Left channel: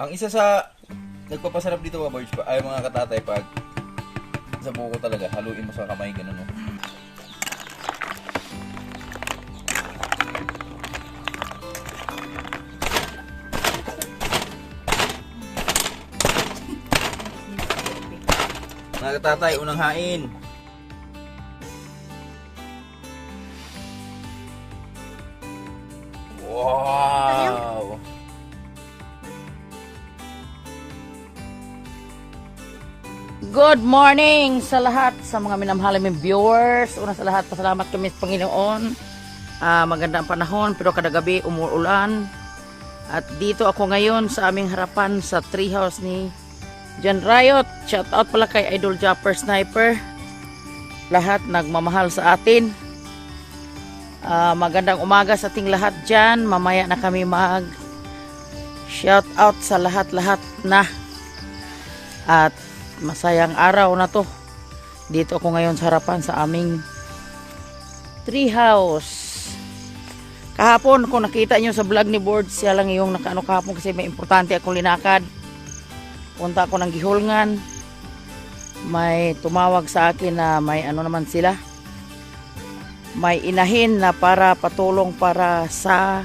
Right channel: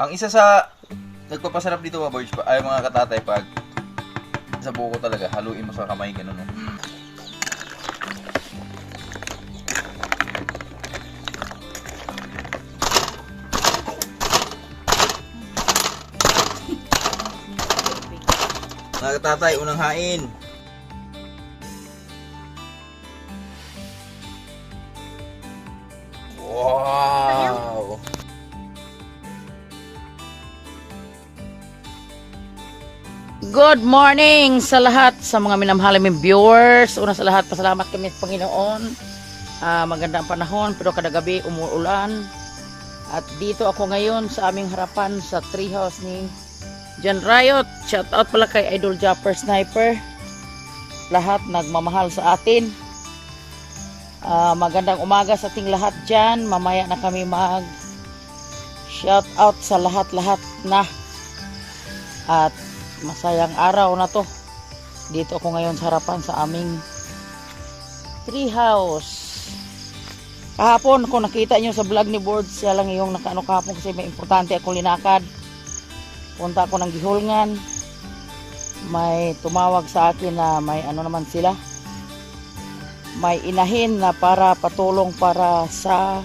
Ang isa sa nagpapasarap dito mga boys, ay mga katatay, pag sa buko talaga, haluin mo sa kamay, ganun no. Mga katatay, unang hain. Wow! Good morning sa lahat, sa mga minamahal naming viewers. Una sa lahat, pasalamat kami sa Panginoon. Maganda ang panahon, pero kada gabi umuulan. At dito ako ngayon sa aming harapan sa treehouse ni John Riot. Shout out pala kay Idol Japper Sniper. Lahat nagmamahal sa atin. Magandang umaga sa ating lahat dyan. Mamaya na kami mag shout out sa lahat-lahat na. At masayang araw na to. Dito ako ngayon sa harapan sa aming treehouse. Kahapon kung nakita nyo sa vlog ni Board, siya lang yung nakaano kahapon kasi may importante akong linakad. Punta ako ng Gihulngan. May tumawag sa akin na may ano naman sila. May inahin na para patulong para sa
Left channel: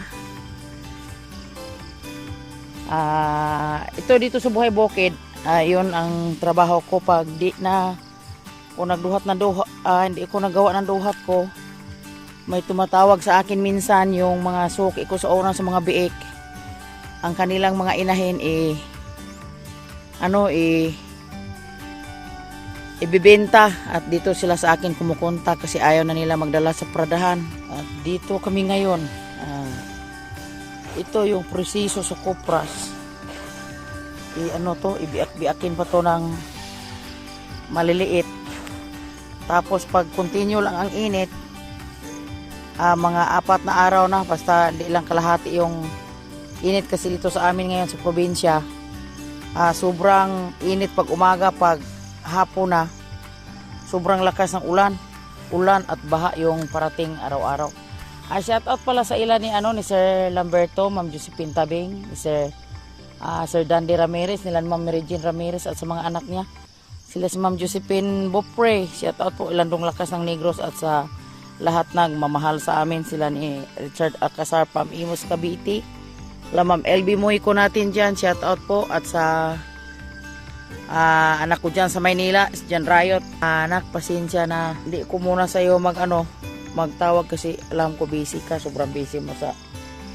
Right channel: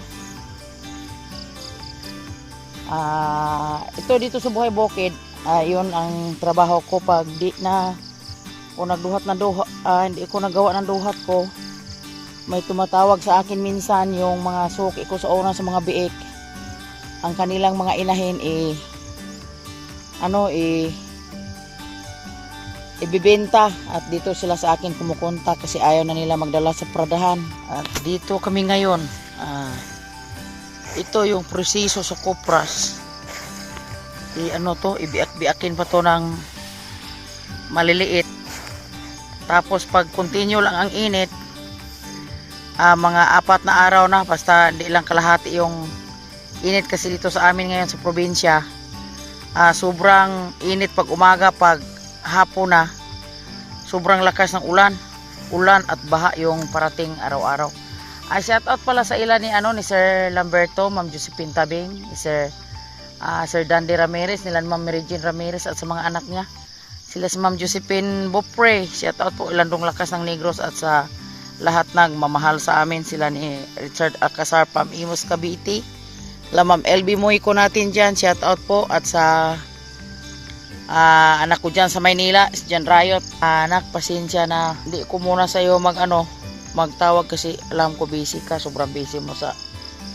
ito dito sa Buhay Bukid. Yun ang trabaho ko pag di na kung nagduhat na duhat, hindi ko nagawa ng duhat ko. May tumatawag sa akin minsan yung mga suki ko sa una sa mga biik. Ang kanilang mga inahin ibibenta at dito sila sa akin kumukontak kasi ayaw na nila magdala sa pradahan. At dito kami ngayon. Ito yung proseso sa kopras. Ibiak-biakin pa to ng maliliit. Tapos pag continue lang ang init, mga 4 na araw na, basta hindi lang kalahati yung init kasi dito sa amin ngayon sa probinsya. Sobrang init pag umaga, pag hapon na, sobrang lakas ng ulan at baha yung parating araw-araw. Shout out pala sa ilan ni Sir Lamberto, Ma'am Josephine Tabing, ni Sir Dandy Ramirez, nila Ma'am Mary Jane Ramirez at sa mga anak niya. Sila si Ma'am Josephine Bopre. Shout out po Ilandong Lakas ng Negros at sa lahat nagmamahal sa amin. Sila ni Richard Alcazar, Pam Imos Cavite. La Ma'am LB Moy ko natin dyan. Shout out po at sa anak ko dyan sa Maynila, si John Riot. Anak, pasensya na hindi ko muna sa iyo magtawag kasi alam ko busy ka, sobrang busy mo sa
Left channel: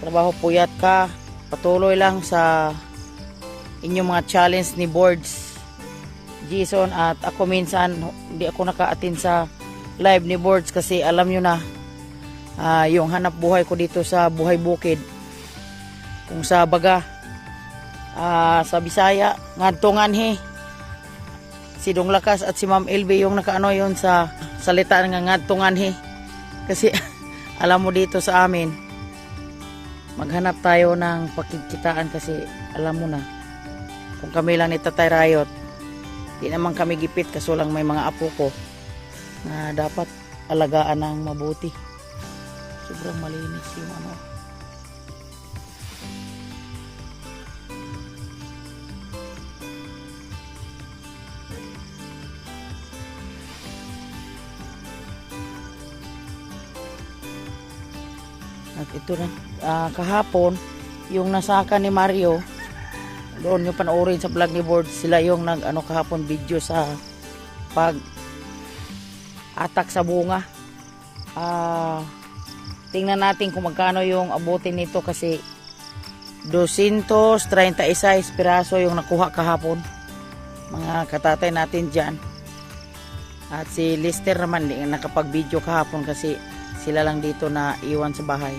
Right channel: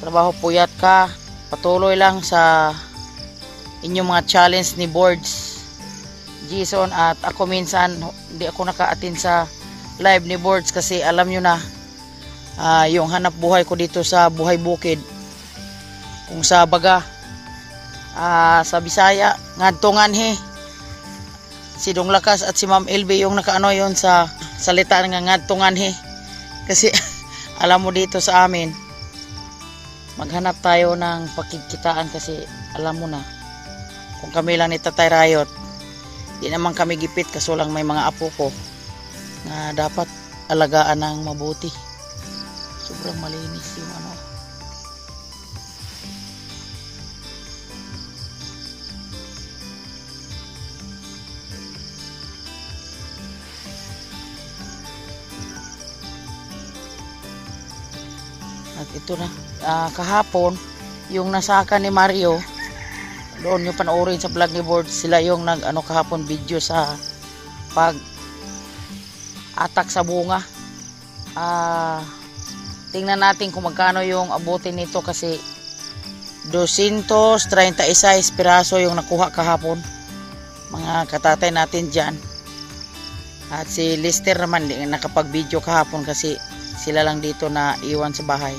trabaho, puyat ka. Patuloy lang sa inyong mga challenge ni Boards Jason at ako minsan hindi ako naka-attend sa live ni Boards kasi alam nyo na yung hanap buhay ko dito sa Buhay Bukid, kung sa baga sa Bisaya ngadtungan si Dong Lakas at si Ma'am LB yung nakaano yon sa salita nga ngadtungan kasi alam mo dito sa amin maghanap tayo ng pagkikitaan kasi alam mo na kung kami lang ni Tatay Riot, di naman kami gipit kaso lang may mga apo ko na dapat alagaan ng mabuti. Sobrang malinis yung At ito na, kahapon yung nasaka ni Mario, doon yung panoorin sa vlog ni Board, sila yung kahapon video sa pag atak sa bunga. Tingnan natin kung magkano yung abutin nito kasi 236 piraso yung nakuha kahapon, mga katatay natin dyan. At si Lister naman hindi nakapag video kahapon kasi sila lang dito na iwan sa bahay.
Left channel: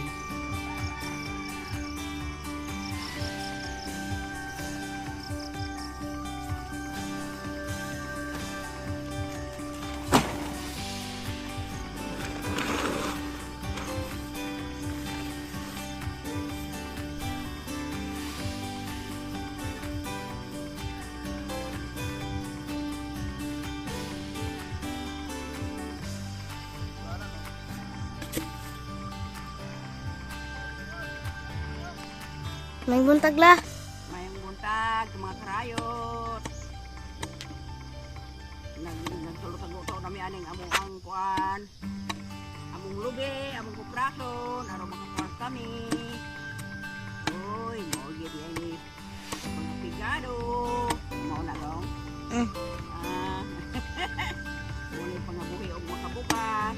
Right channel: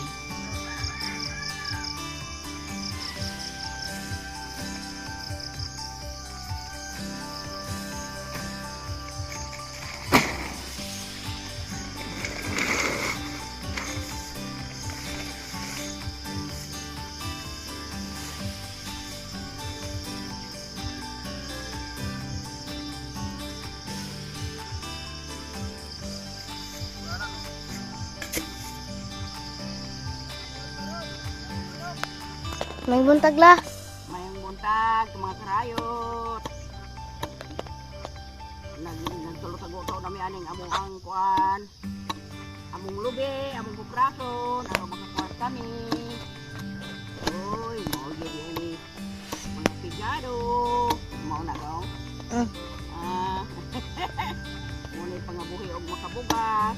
May buntag la. Mayong buntag. vlog, mga karayot. Nagtulo-tago-tago nami aning among ang kuan. Among lubi, among kuprason, ano makakawas kami. Uy, mau jadi ini mga pigado. Mau na daw. Muna pangabuhi og makabugas.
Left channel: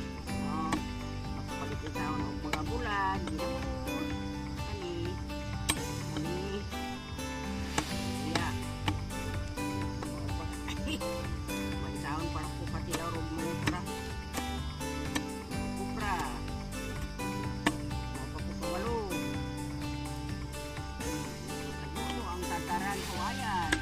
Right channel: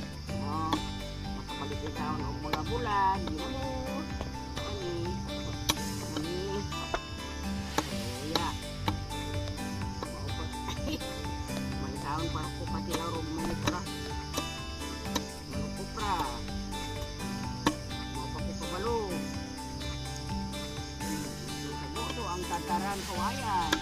Makapalit ikaw ng mga bulan. Ginamos. Ani. Iya. May taon para po pati arog mga kupra. Mga kupra. Mga papupabalo. Sagot ang tantaran kawayan.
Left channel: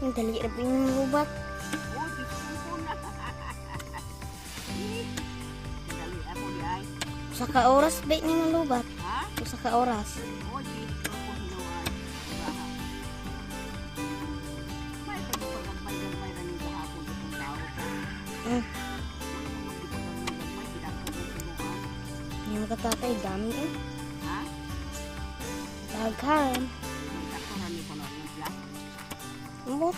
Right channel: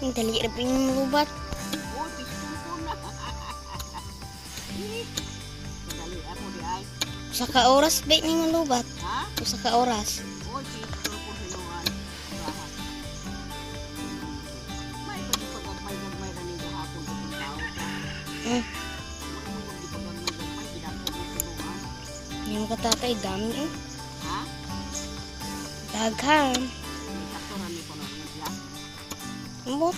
Ang dali na ping lubat. Oh, pistol ko na. Dali ako di ay. Usa ka oras ba ni nga lubat? Ha? Usa ka oras. Oh, pistol ko hinuan. Bahat. May pagagmay-gagmay na niya hapon itong tao ka. Wala mo pagagmay-gagmay, ginako ko hinuan. Yung katatay dami eh. Ha? Daghan. May sakturan ni ko na niya. Ambot.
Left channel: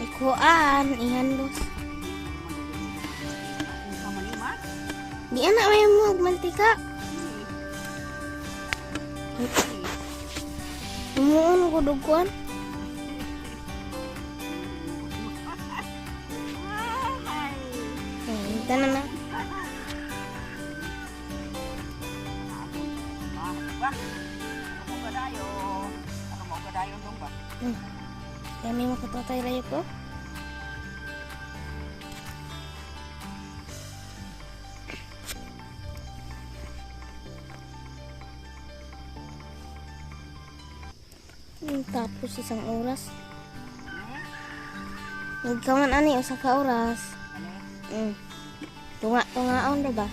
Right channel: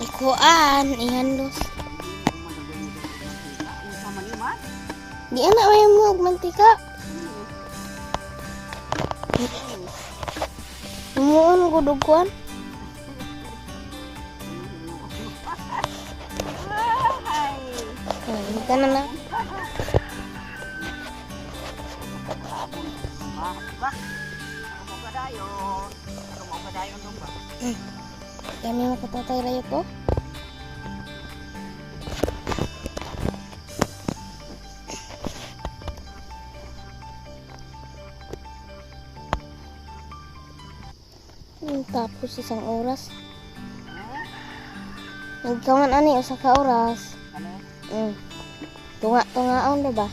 Ikuan, ihandos. Di anak may mo mantika. Umuon ko duguan. Tanan na. Kami makatatay rayo ko. Tapos isang oras. Nagkaman ani usa ka oras. Tunga-tungaon ba?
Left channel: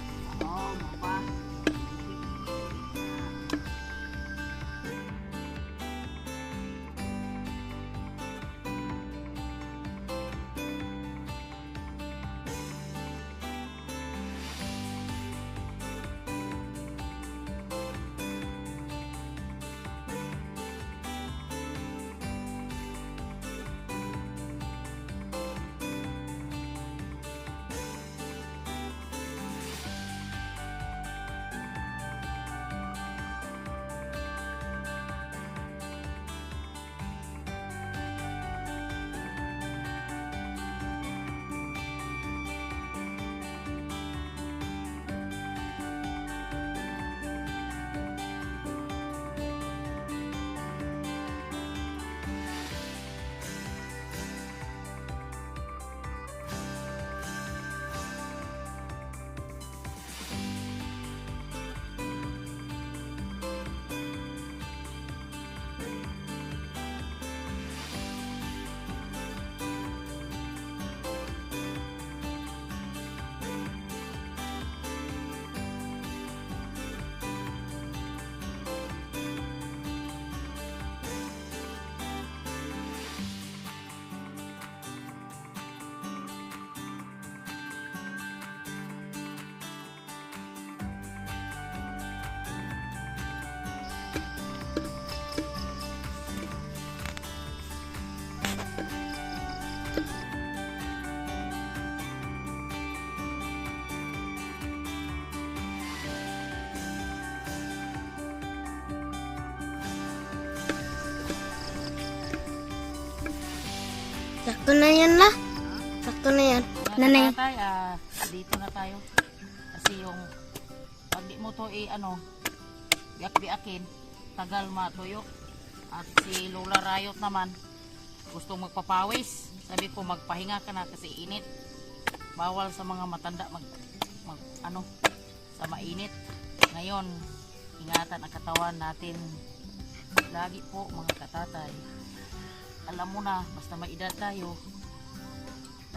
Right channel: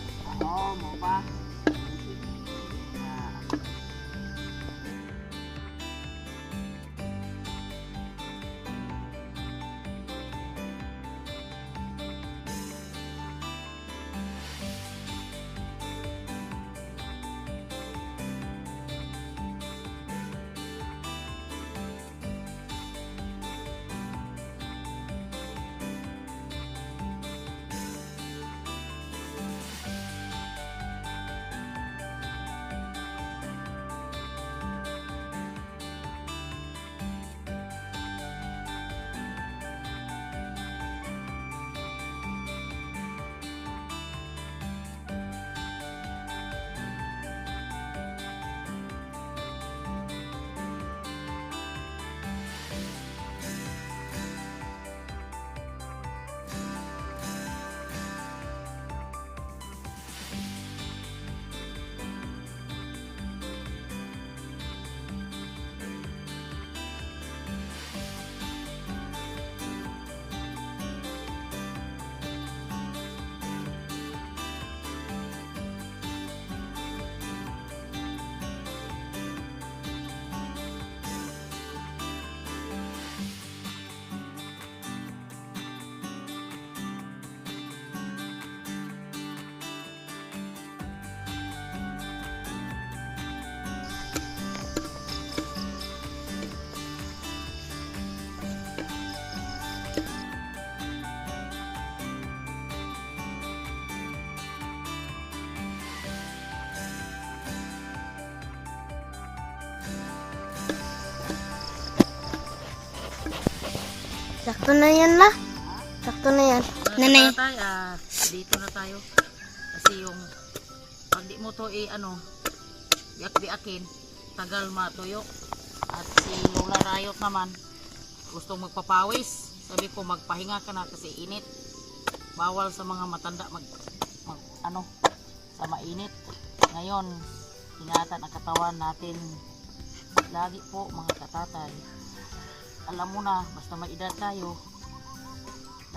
Sakto na yan la. Sakto na yan. Nanay. Dito na tayo. Kasi yung pag di mo to biak-biakin, tagal matuyok. At si Lola Rayot naman, gusto magpapawis. Sabi ko magpahinga ka na kasi init. bawal sa mga matanda ano sa mainit. Ngayon, ingatan ang katawan natin lagi po mga katatay. Alam mo na, basta may edad tayo,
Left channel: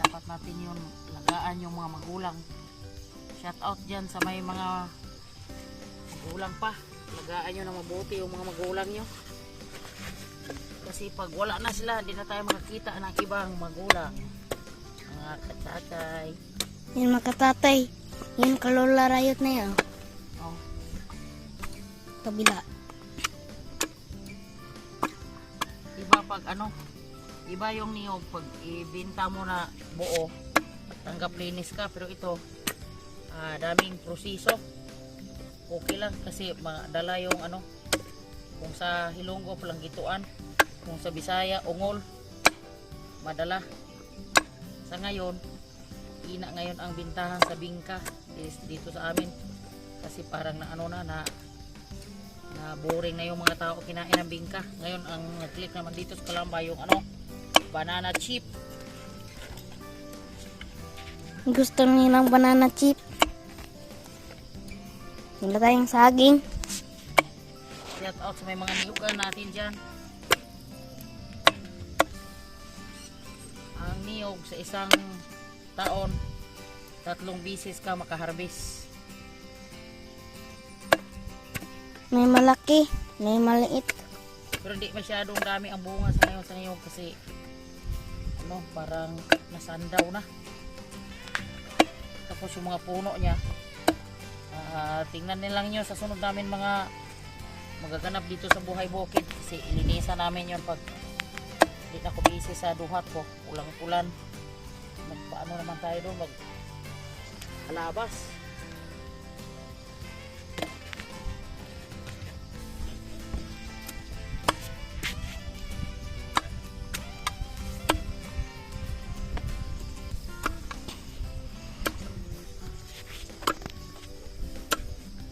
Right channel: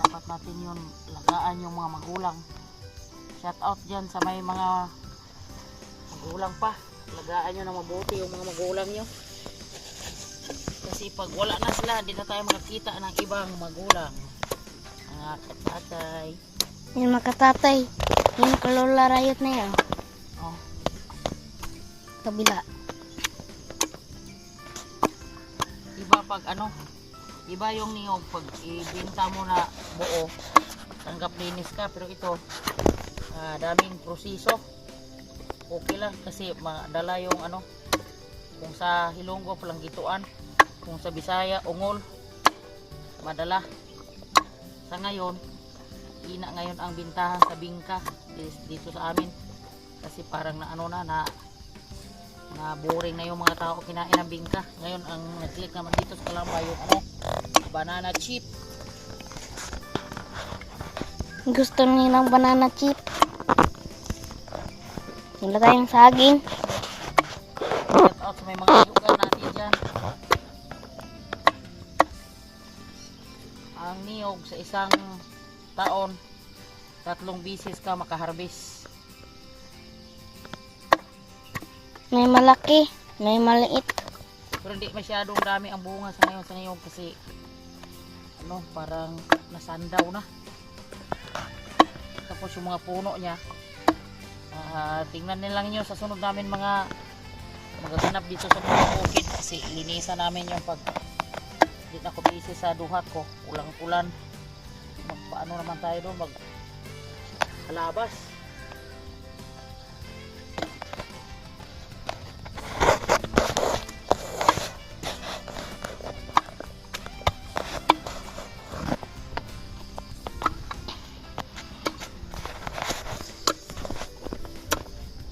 dapat natin yun lagaan yung mga magulang. Shout out dyan sa may mga magulang pa, lagaan nyo na mabuti yung mga magulang nyo. Kasi pag wala na sila, hindi na tayo makakita ng ibang magulang. Mga katatay. Yung makatatay. Yung Lola Rayot na yan. Oh, Kabila. iba pag ano, iba yung niyog pag ibenta mo na buo, tanggap linis ka. Pero ito, daming proseso. Okay lang kasi madala yung ano, kung sa Hilonggo palang gituan, kung sa Bisaya ungol, madala. Sa ngayon, ina ngayon ang bintahan sa bingka dito sa amin, kasi parang na ano na boring na yung mga tao kinain ng bingka. Ngayon ang nag-click naman dito sa Kalamba yung ano, banana chip. Gusto nilang banana chip. Nilagay yung saging. Shout out sa may mga yugan natin dyan. Ang niyog sa isang taon, 3 bisis ka makaharbis. May malaki. May maliit. Pero hindi masyadong dami ang bunga sa ngayon kasi ano, parang nasandaw na. Tapos yung mga puno niya, tingnan nilang nyo sa sunod namin mga magaganap dito sa mga bukid, kasi linisan namin yung pag hindi na ko busy sa duhat ko, ulang-ulan. Magpaano naman tayo doon, mag alabas.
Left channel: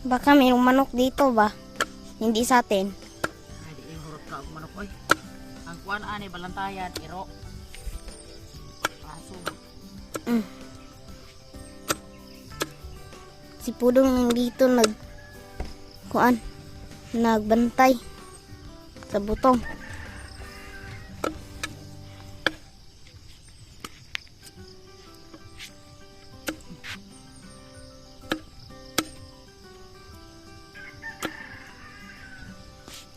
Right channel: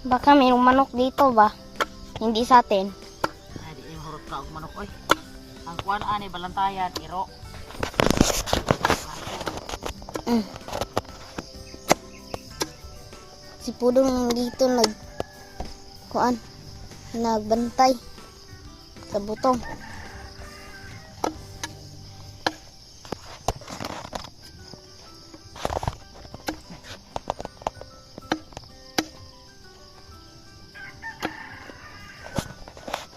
Baka mayroong manok dito ba? Hindi sa atin. Ay, di yung hurot ka og manok oy. Ang kuan ani balantayan, iro. Si Pudong dito nagbantay sa butong.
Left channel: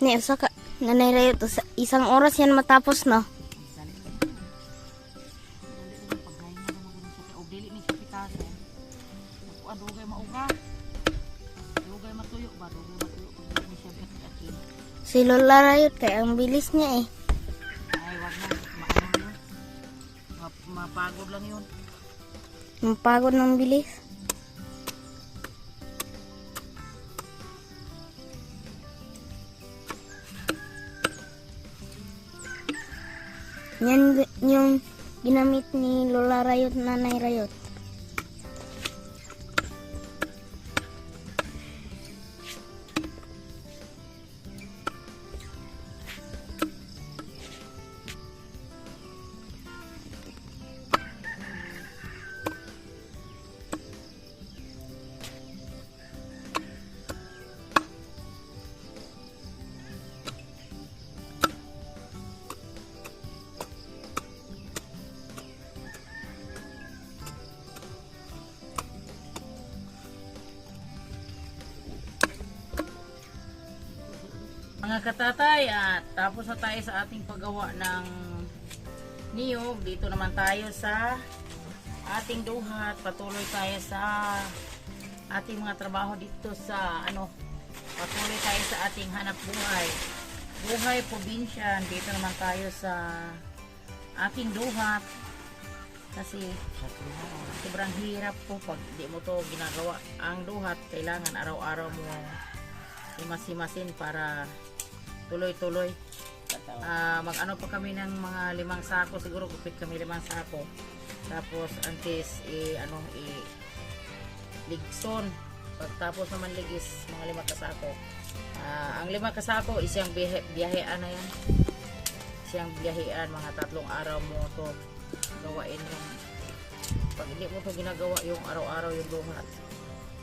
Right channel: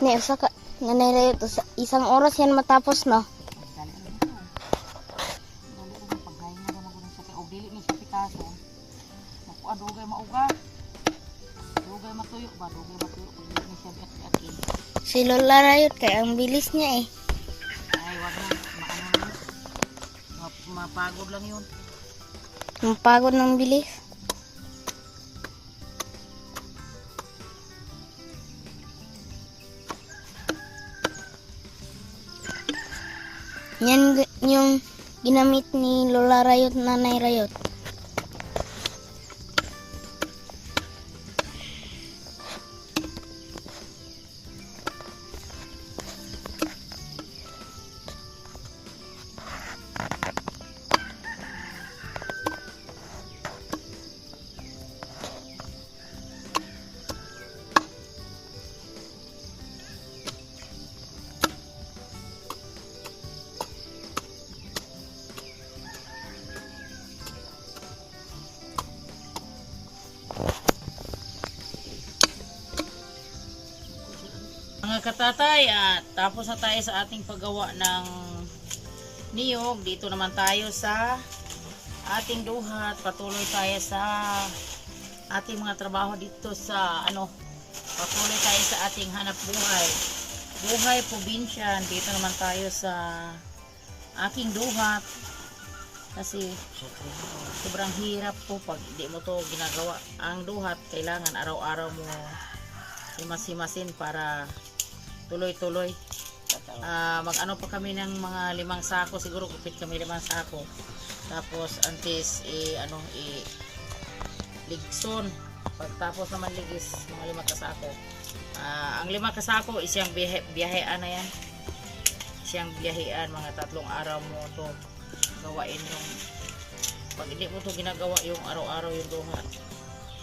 Ne, usa ka Nanay Rayot, isang oras yan matapos na. Dali na yun. Dali na paghain na naman ganun siya. O dili ni siya pitaso. Naku, dugay mauga. Dugay matuyo ba? Dugay matuyo. Pag dili ni siya at-atin. Si Lola Rayot kaya ang bilis niya eh. Ay, wag na. Maano na yun. Mapagod lang yun. Mapagod ng bilis. Yan yung ginamit ni Lola Rayot, Nanay Rayot. Mga katatay, at tapos na tayo sa ating paggawa ng niyog. Dito naman tayo sa ating duhat. Patuloy tayo sa ating mga trabaho dito sa ano. Patuloy tayo sa ating hanap buhay. Buhay probinsya. Dito naman tayo sa aking duhat. Kasi sobrang hirap po pag hindi mo to ginagawa. Ang duhat, kailangan araw-araw mo himas-himasin para tuloy-tuloy. Mag-ano pa kami ng mga 5 sako, siguro kupit kami 5 sako. Tapos antes ligson. Pagtapos naman ligis mga 5 kasako. Ang 5 kasako is yung biyahean na yan. Siyang biyahean, mga 3 araw mo to gawain yung Pag hindi mo to ginagawa yung araw-araw yung luha,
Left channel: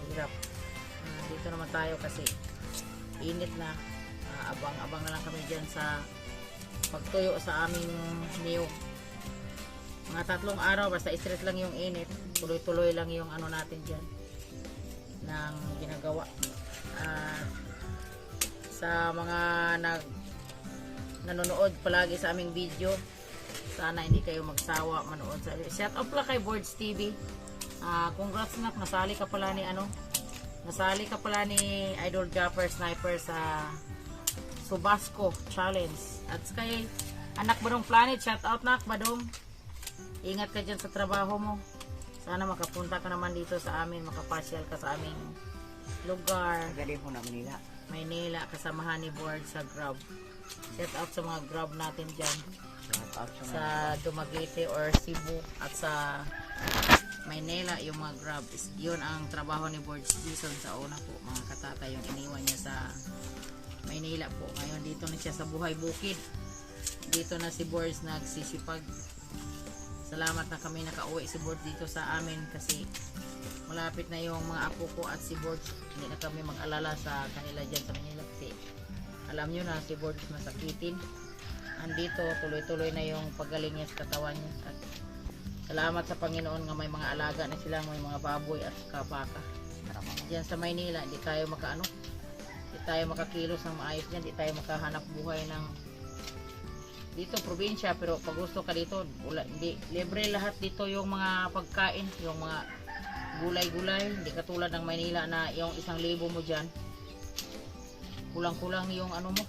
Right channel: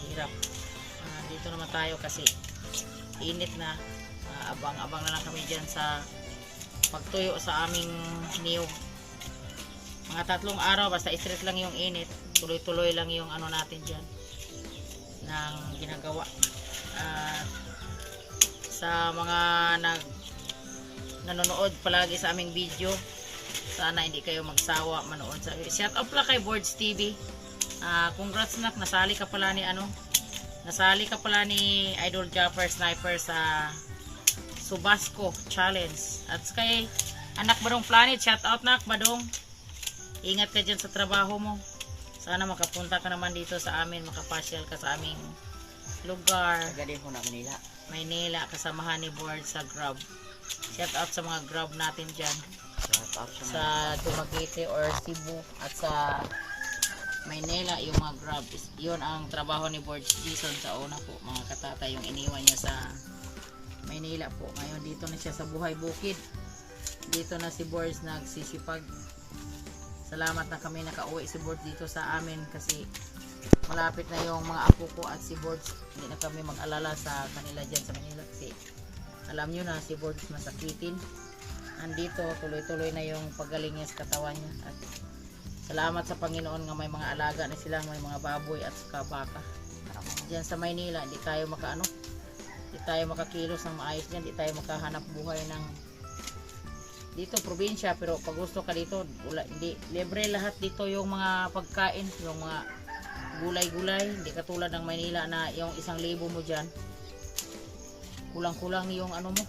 hirap. Dito naman tayo kasi init na. Abang-abang na lang kami dyan sa pagtuyo sa aming niyog. Mga 3 araw, basta straight lang yung init. Tuloy-tuloy lang yung ano natin dyan ng ginagawa. At sa mga nanonood palagi sa aming video, sana hindi kayo magsawa manood. Shout out pala kay Boards TV. Congrats nak, nasali ka pala ni Idol Japper Sniper sa Subasco Challenge. At kay Anak Badong Planet, shout out nak Badong. Ingat ka dyan sa trabaho mo. Sana makapunta ka naman dito sa amin, makapasyal ka sa aming lugar. Galing ko na Manila. Maynila, kasamahan ni Board sa Grab. Shout out sa mga Grab natin dyan. Sa Dumaguete or Cebu at sa Maynila, yung mga Grab. Yun ang trabaho ni Board Jason sa una po, mga katatay, yung iniwan niya sa Maynila po. Ngayon dito na siya sa Buhay Bukid. Dito na si Board nagsisipag. Salamat na kami nakauwi si Board dito sa amin kasi malapit na yung mga apo ko at si Board. Hindi na kami mag-alala sa kanila dyan sa Manila kasi alam nyo na si Board masakitin. Andito tuloy-tuloy na yung paggaling niya sa katawan niya. At salamat sa Panginoon nga may mga alaga na silang, may mga baboy at baka. Diyan sa Maynila hindi tayo hindi tayo makakilos ng maayos dyan, hindi tayo makahanap buhay ng dito probinsya, pero pag gusto ka dito hindi libre lahat dito, yung mga pagkain, yung mga gulay-gulay, hindi katulad ng Maynila na yung 1,000 mo dyan kulang-kulang yung ano mo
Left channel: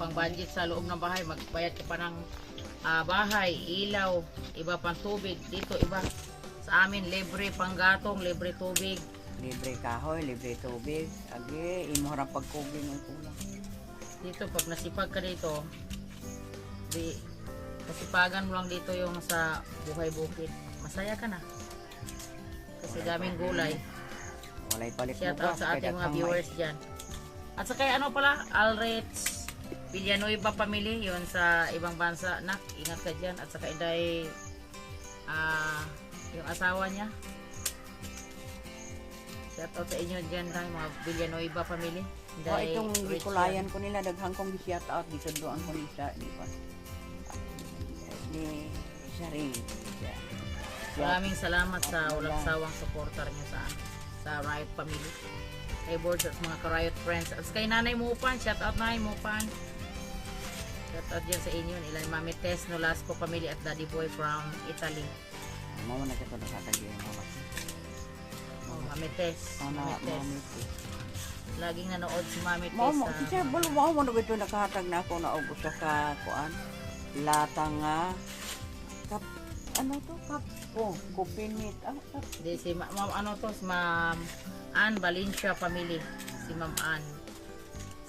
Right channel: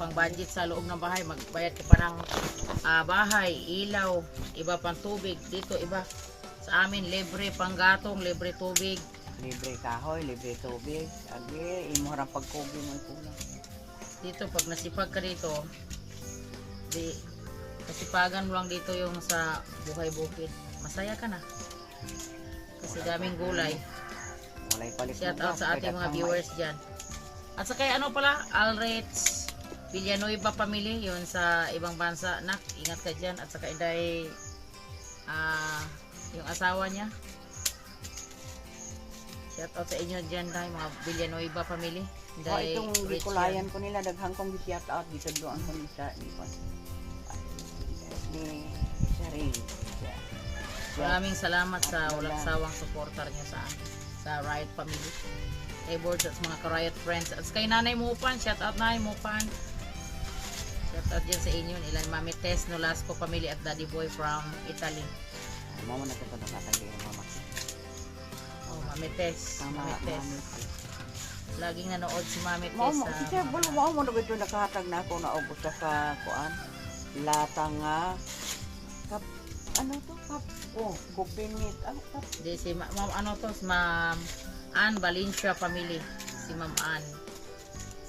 pang budget sa loob ng bahay, magbayad ka pa ng bahay, ilaw, iba pang tubig. Dito iba sa amin, libre pang gatong, libre tubig, Libre kahoy, libre tubig. Agi, imorang pagkubing mo ito. dito pag nasipag ka dito kasipagan mo lang dito yung sa Buhay Bukid, masaya ka na kasi daming gulay. Walay palit. Shout out sa ating mga viewers dyan. At sa kaya ano pala, Alrets Villanueva family, yun sa ibang bansa. Nak, ingat ka dyan. At saka Inday, yung asawa niya. Shout out sa inyo dyan tayo, mga Villanueva family. Inday, Itong rich Bicolayan yan. ko nila, daghang kong shout out. Dito doon sa Lisa. Di ba? Ni Sari. Maraming salamat sa walang sawang supporter niyo sa Riot family. Kay Boards at mga ka-Riot friends. At kay Nanay Mupan, shout out Nanay Mupan. Shout out dyan sa inyo. Ilan Mami Tess Nolasco family at Daddy Boy from Italy. Mama na ito nakatagi yung mama. Oh, Mami Tess. Mami Tess. Laging nanood si Mami Tess Mama, sa kasi mo na ito nakahatag na ako na ubos ka kuan. Latang nga. Ano to? Kupinit. Kap. di si Ma'am ano to, si Ma'am Ann Valencia family. Si Ma'am Ann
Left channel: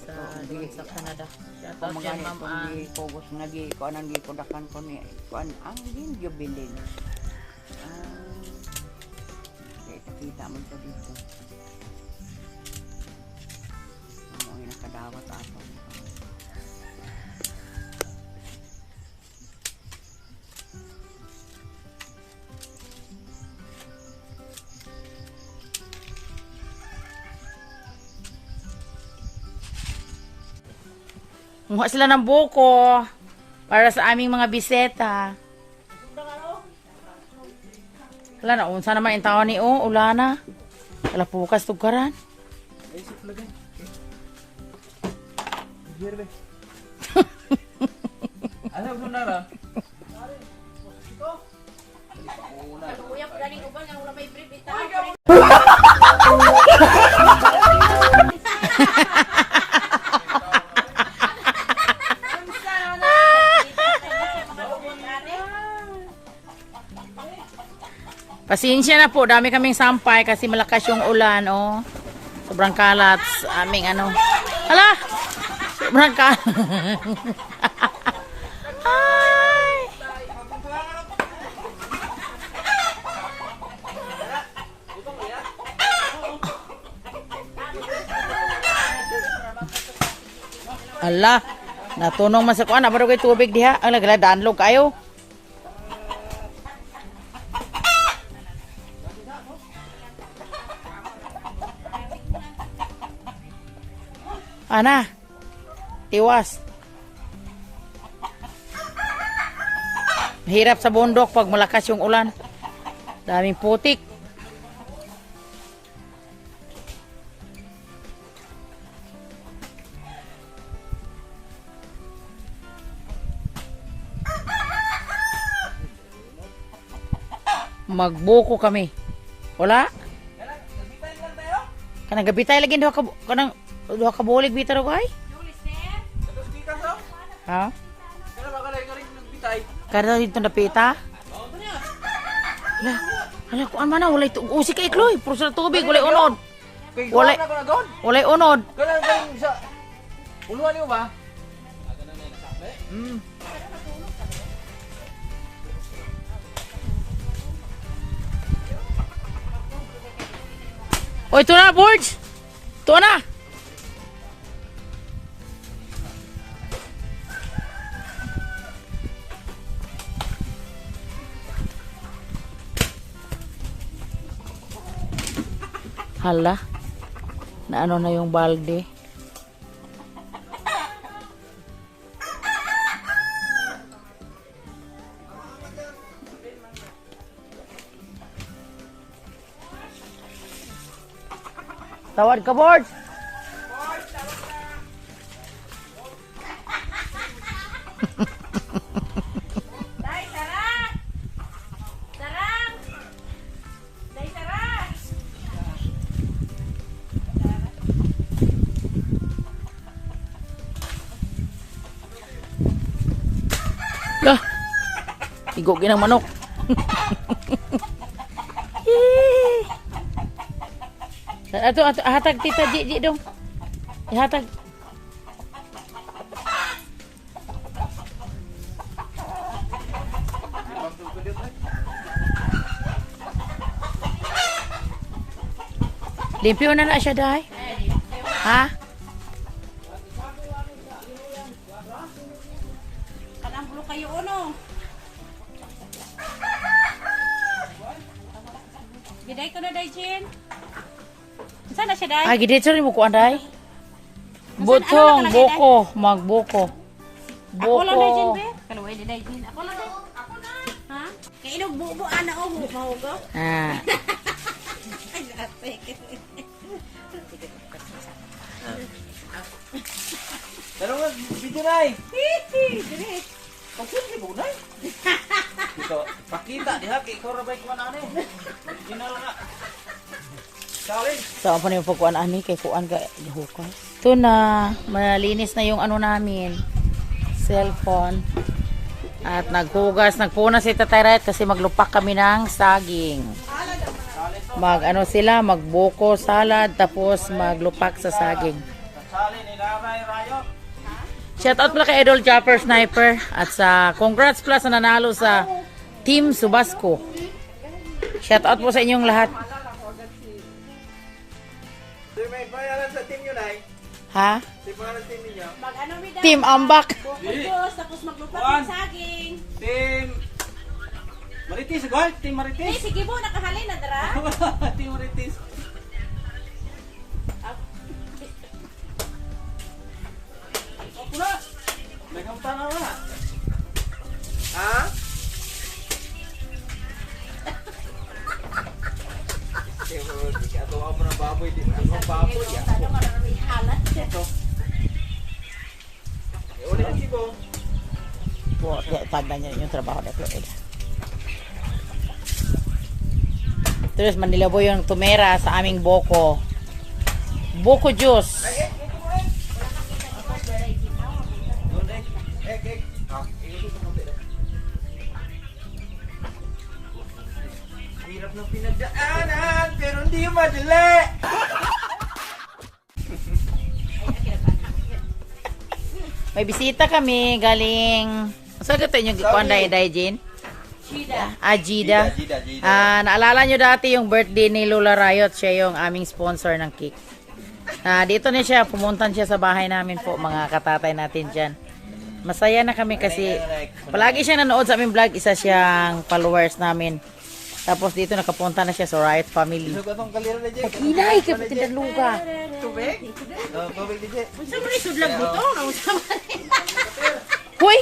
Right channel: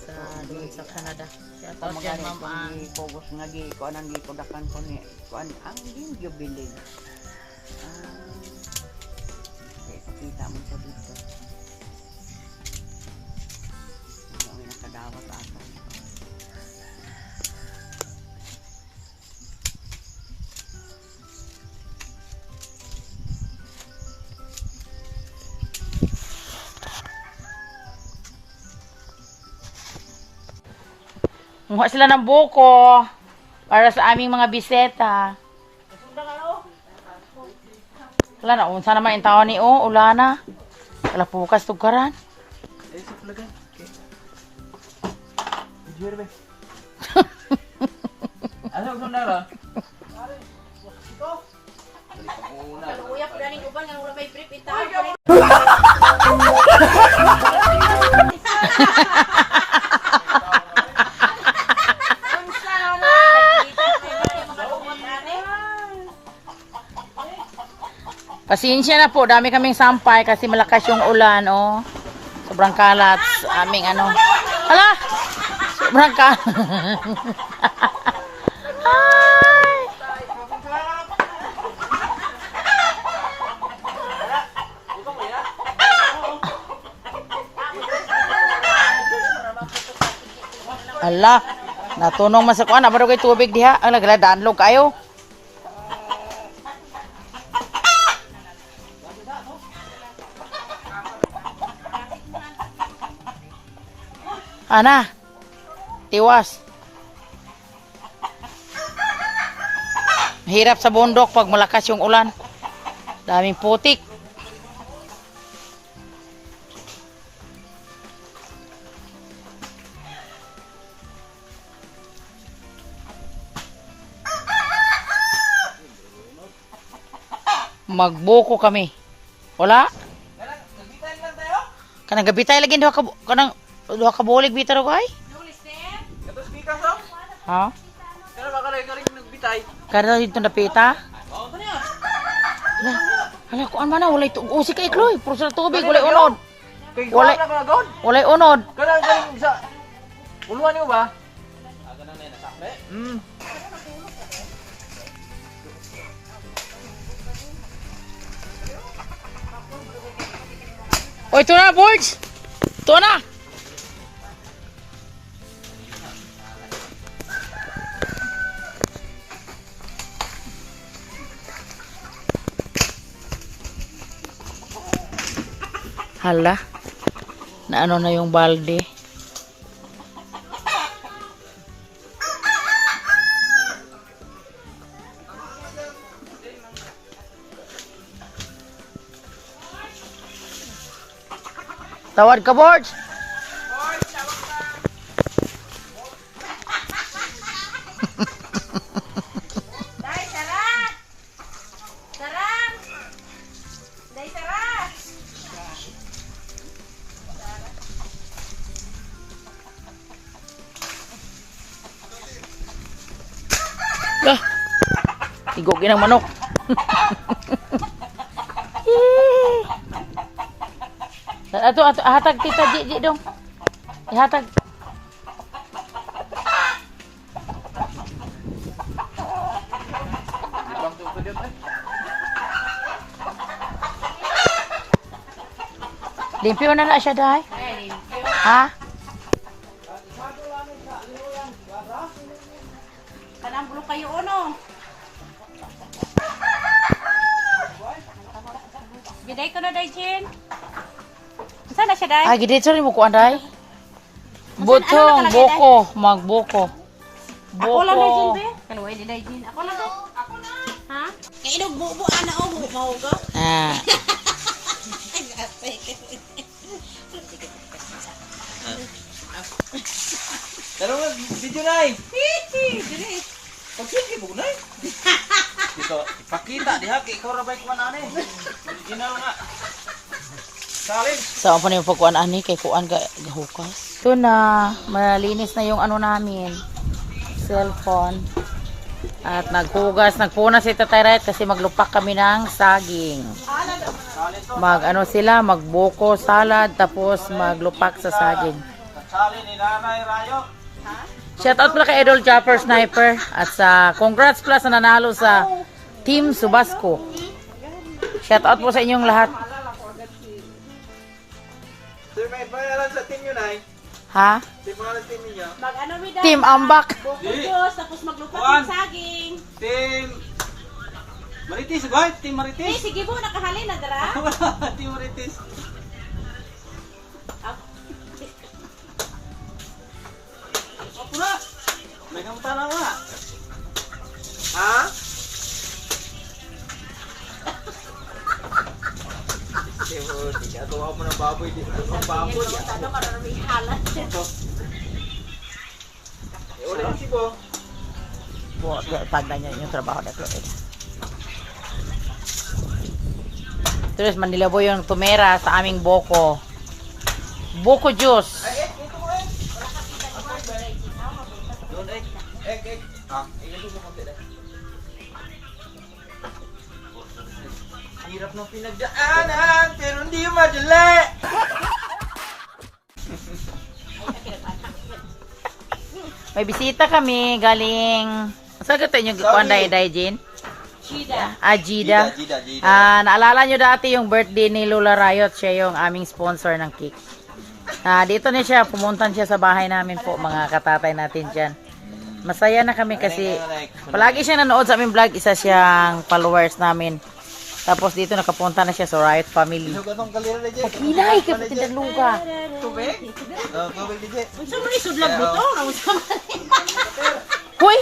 sa doon sa Canada. Shout out dyan Ma'am Ann. Kogos nga gi kuan ang gikundakan ko ni kuan ang ginyo bilin. Kita mo sa dito. Ang nakadawat ato. Muha sila ng buko para sa aming mga biseta. Wala na, unsa naman yung tao ni O, ulana. Wala pukas tugkaran. Ano ko na ra? Pasensya na po, dami kaming sampay kasi malakas yung ulan, oh. Sobrang kalat sa aming ano. Hala! Sobrang kalat. Ay! Ala, natunong man sa kuan, abaro kay tubig diha. Ang nagladaan log kayo. Ana, tiwas. Hirap sa bundok pag malakas yung ulan. Daming putik. Magbuko kami. Wala? Kanang gabitay lagi duha ka bulig bitar ko ay. Ha? Kada dito napita. Hala ko man wala ito. Usi kay Chloe, puro sa tubig wala unod. Wala unod. Ganang sa uluan niyo ba? Ganang na nasakle. O ito na, Borge. Ito na. Hala. Na ano na yung balde. Tawad ka, Borge. Igogin ang manok. Ato, hatag tita Ji dong. Ihatag. Limpyo na siya, Day. Ha? Kanang bulo kayo ono. Giday ko na day, Jen. Saan na siya, day? Ay, gidit sa rin mo ko, Day. Ano Butong, nakalagay, buko, magbuko. Ako lang day, Jen, Buko. be. Kaluway di day, Jen. Ako lang day. Ha? Kaya inog bubo, ana, o, mahuga. Ah. Pero nga, video na eh. Pagsin mo na eh. Dito, pakita diha kay ikaw rabay ko na eh. Original nga. Salin. Saan pa niyo pagkuhan ani kay kuan ka gahukas. Ito na, malinis na yung ano namin. Cellphone. At naghugas, nagpuna si Tatay Rat kasi maglupak kami ng saging. Ano sila, magbuko salad tapos maglupak sa saging. Salin ni Nanay Rayo. Shout out pala kay Idol Chopper Sniper at sa congrats pala sa nanalo sa Team Subasco. Shout out po sa inyong lahat. Sir, may bayaran sa team yun ay. Ha? Team mga team niyo. Mag-ano mi daw? Team Ambak. Bukos, tapos maglupat Kuan. ng saging. Team Marites, ba? Team Eh, Marites. sige po, nakahalin na, dara. Team Marites. Ako na. May kampana ko na. Ha? Ito ako ng baboy. Ito ng baboy. Sabi ko, maraming halat. Ito. Ulit si Bo. Po, tanda niyo yung trabaho na ito. Terus manilabo yung tumera sa aming boko. Boko juice. Hirap ng pinagdaanan, pero hindi madali. May bisita kami galing. Saan ka ito yung kuanday Jin? Shida. Ajida. Naalala nyo dati yung birthday ni Lola Riot. Siya yung aming sponsor ng cake. Dito na siya. Pumuntan siya sa bahay namin po. Mga katatay natin dyan. Masaya na kami kasi palagi siyang nanood sa aming vlog. Isa siyang followers namin. Tapos dito nakapunta na siya sa Riot Family. Isog atong kalira na dyan. Hinay ka pati luka. Tubig? Tubig di dyan. Sa mga isudlag mo to? Hoy!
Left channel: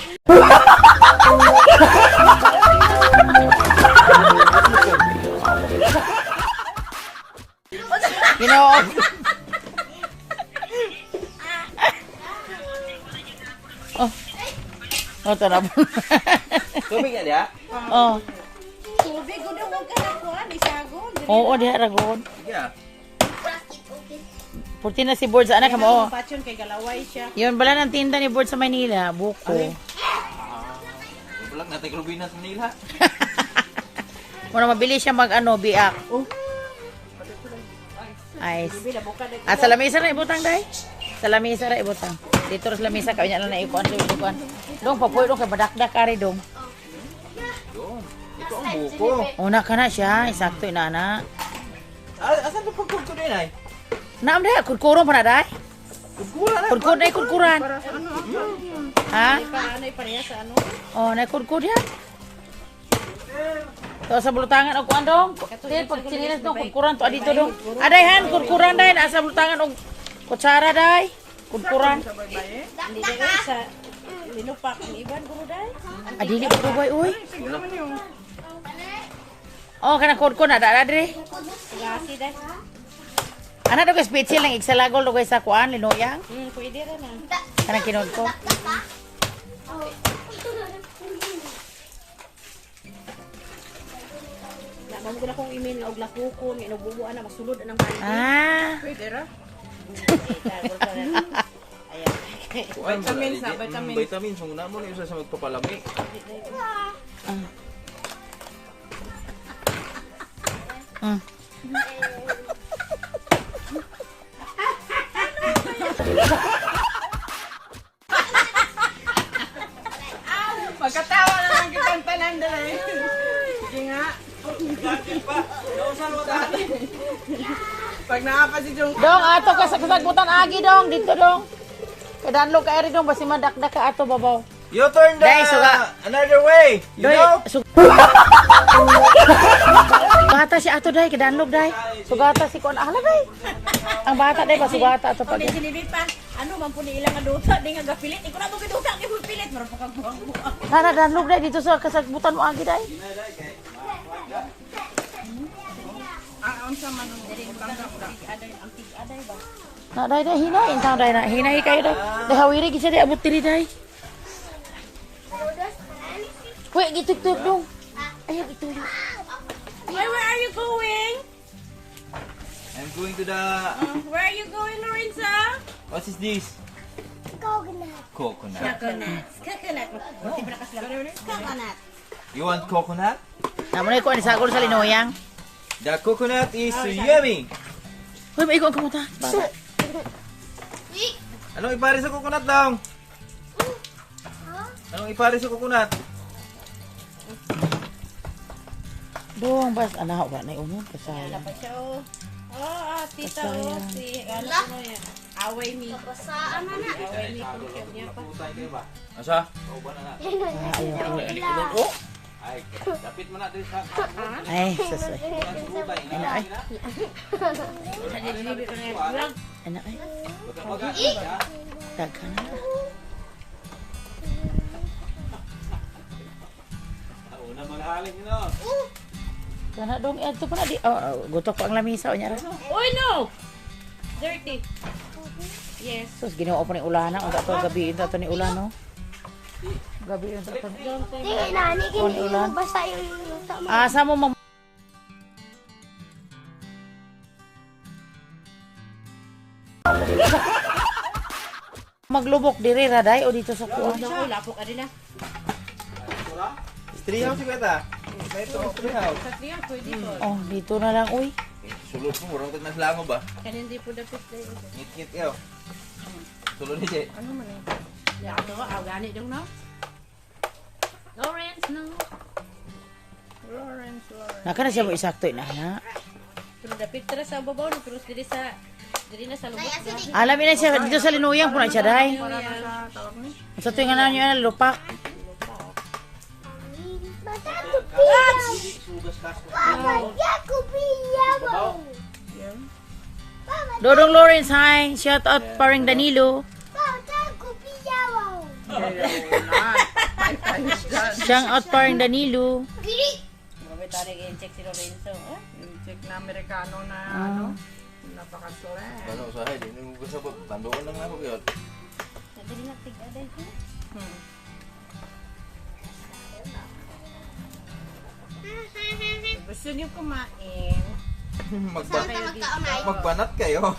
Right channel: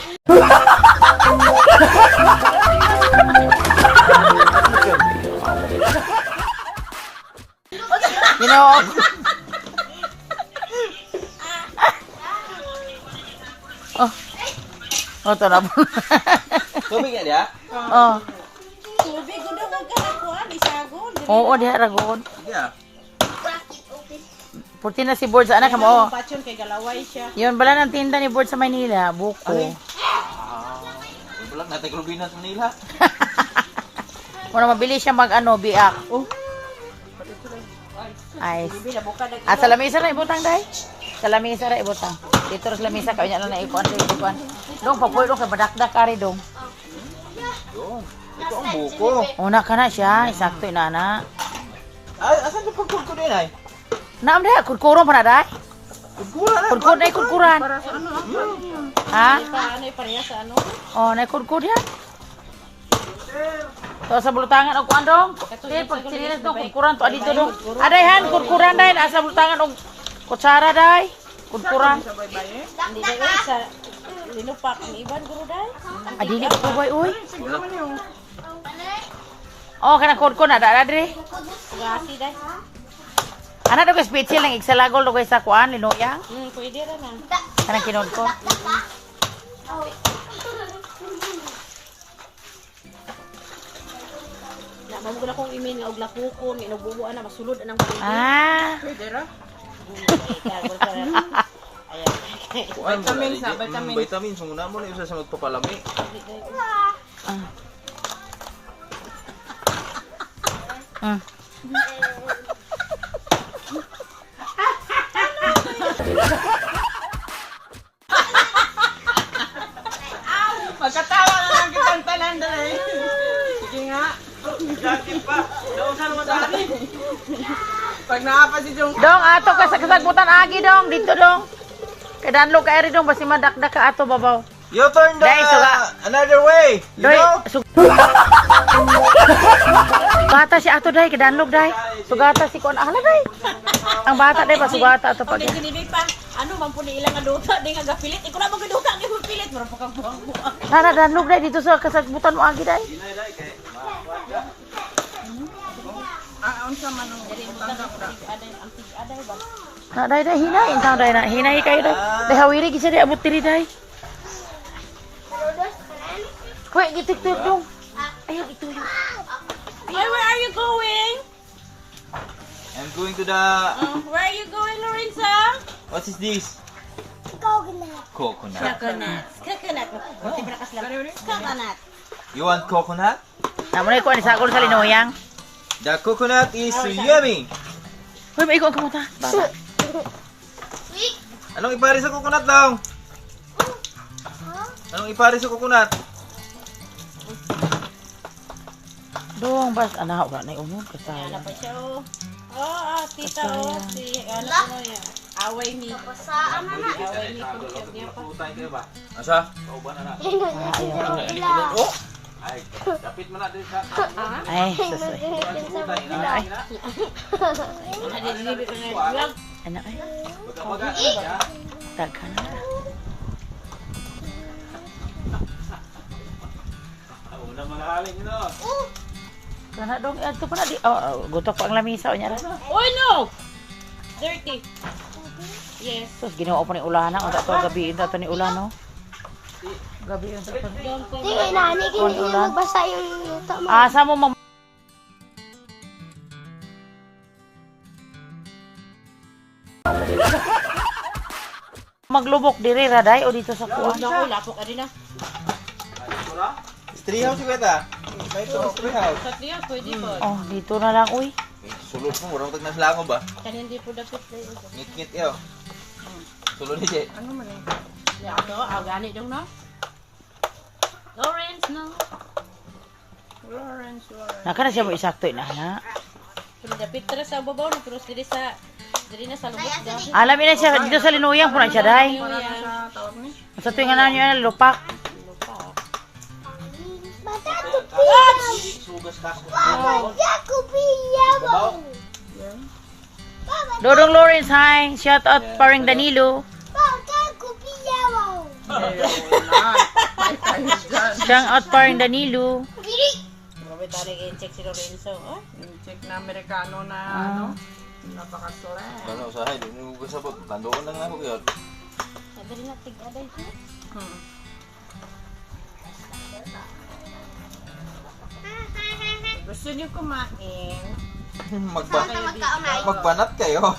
Ginoo. Oh. Oh, ito na po. Tubig yan dia. Oh. Tubig ko daw huwag ka na kuhan. Isagon. Oo, diha ragod. Sige ah. Purti na si Board sa anak mo. Patyon kay galaway siya. Yun bala ng tinda ni Board sa Manila, buko. Bulag natin Rubinas Manila. Muna mabili siya mag biak. Oh. Ay. Sa lamisa na ibutang day. Sa lamisa ra ibutang. Dito sa lamisa kanya lang na ikuan dito ikuan. Dong papoy dong kay badakdak kare dong. Yun. Ito ang buko. Una ka na siya, sakto inana. Ay, asan ito pagkul din ay? Naam da kurkuron pa na day. Pagkula na. Kurkur na kurkuran. Para sa ano? Ha? Ano pareha sa ano? Oh, na kurkur yan. To sa bulutangan og kuan dong. Kaya pag sinilas dong kurkuran to adito dong. Adayhan kurkuran day asa bulutangan og kutsara day. Kurkuran. Hindi ba sa linupak ang iban guru dai? Adili ko boy uy. Siguro man yung Oh, kana kurkur na da dre. gasi dai. Ana do ka special lang igsalagol do kay sa kuan linoya. Pwede ra na. Kana kinod ko. Na mo na kong imin nga og lakukon, inububuan na masulod anang bandi. Ah. Pwede ra. Vitamins na, vitamins. Vitamins. Muna mo na isa sa magpapalami. Ah. Magkatawa na lang kitang tanan dali. Sige nga. Pag naapa si Jong Dong ato ka sa kasagbutan agi dong dito dong. Kadanlo ka eri dong basi madakdak ka ato babaw. You turn the Guys, another way. You Doy, know? Bata si ato day kadanlog day. Sugata si kuan ala day. Ang bata day ba sugata ato pag. Hindi pa. Ano man po ni ilang aduta, di nga gapilit. Ikaw na magaduta, di mo pilit. Marapok ang buwang-buwang. Nana danlog day dito sa kasagbutan mo agi day. Ang sama nung ang tig-aday ba? Na day day hinay intaw day na hinay kayo day. Day hawiri gisa day abot diri day. Hoy gitik-tik dong. Ayaw ituloy. Where are you going? I'm going to the... Where are you going, Lorenza? What is this? Coconut. Coconut. Coconut. Coconut. Buti pa nakaslam. Coconut. You want coconut? Namo na ko ni sagol sa linoyang. The coconut is yummy. Hoy maiko ang kamuta. Bata. Anong ipari sa coconut lang? Anong ipari sa coconut? Dong bas anak ka na umon kasala. Dapat siya, oh. Tita, oh. Si, ano ko yan. Away me. Away me. Pagkab niya pa. Asa? Ay, Ay, dapit mo na din sa... ay, sasa. Ano ay? Ano ay? Taghan na. Una malahaling ino. Kana dong adto pa na di. Oh, gutok pa ang lamisa nya ra. Oh, no! Dirty. Yes. Sus ginoo pa ni ulana ang ato gabi ta ni ulano. Gabi yung sa Hindi nga nani, hindi ulan. mo basa yung luto mo. Asa mo mam Maglubok diri ra day o dito sa kuan. Naku, lapok ka din na. Tree house kita. May ito tree house. Sa tiyan, pwede po. Oh, dito na lang uy. Sulod mo, murang tag naslango ba? Kan hindi po dapat tayo. Ngit-ngit yaw. Sulod ni Jay. Ano man yun? Ano, gani dong no? Lawrence, no? Lawrence. Naka na siya mo isakto na na. Pero dapat tara sa babaw, no? Pero diri na sa lubot daw. Alam ina siya dito sa linuyang puna siya day. Sa tuwing nga nanyo lupak. Bata, Sugas kasko. Dodong Lawrence, hi. Shout out paring Danilo. Shout out paring Danilo. check si Lorenzo. Oh, Check na Amerikano na ano. Napaka-slang. Ano usahay din yung gusabot. Tandoon lang ako yun. Gusto niyo kumain? Magbanat kayo.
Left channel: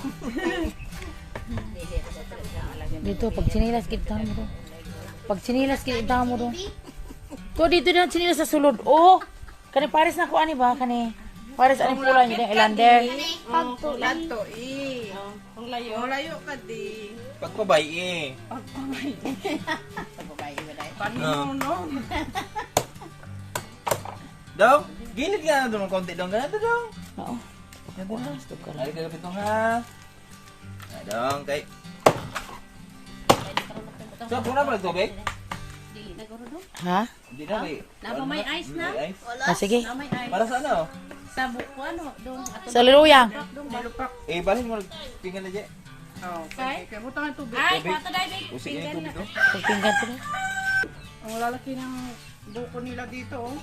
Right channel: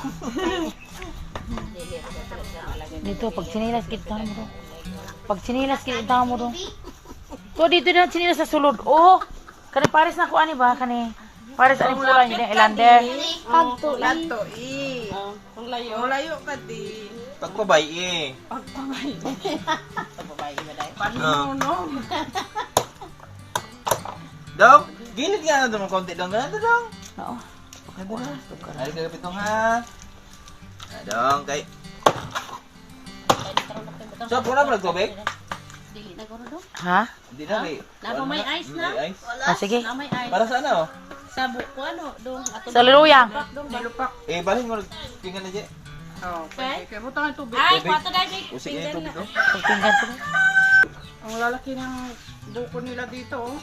Dito, pag sinilas kita mo doon. Pag sinilas kita mo doon. To, dito na sinilas sa sulod. Oh! Kani pares na ko ani ba? Kani pares ani pula niya yung Elander. Lato Ang layo. Ang layo ka di. Pagpabay eh. Panuno. Dong, gilid nga na doon ng konti dong. Ganito dong. Oo. Ay, kagapit nung ha. Dong, kay. So, puna ba nagtubig? Ha? Hindi na, may. Napa may ice na? May ice. Ah, sige. Na may ice. Para sa ano? Sa buko ano, dong ato. Sa luluyang. Nilupak. Eh, balhin mo nagpingan na dyan. Oh, okay. Kaya butang ang tubig. Ay, kwato dahil. Usik na yung tubig ko. Pagpinggan ko. Ang lalaki ng buko nila dito. Oh.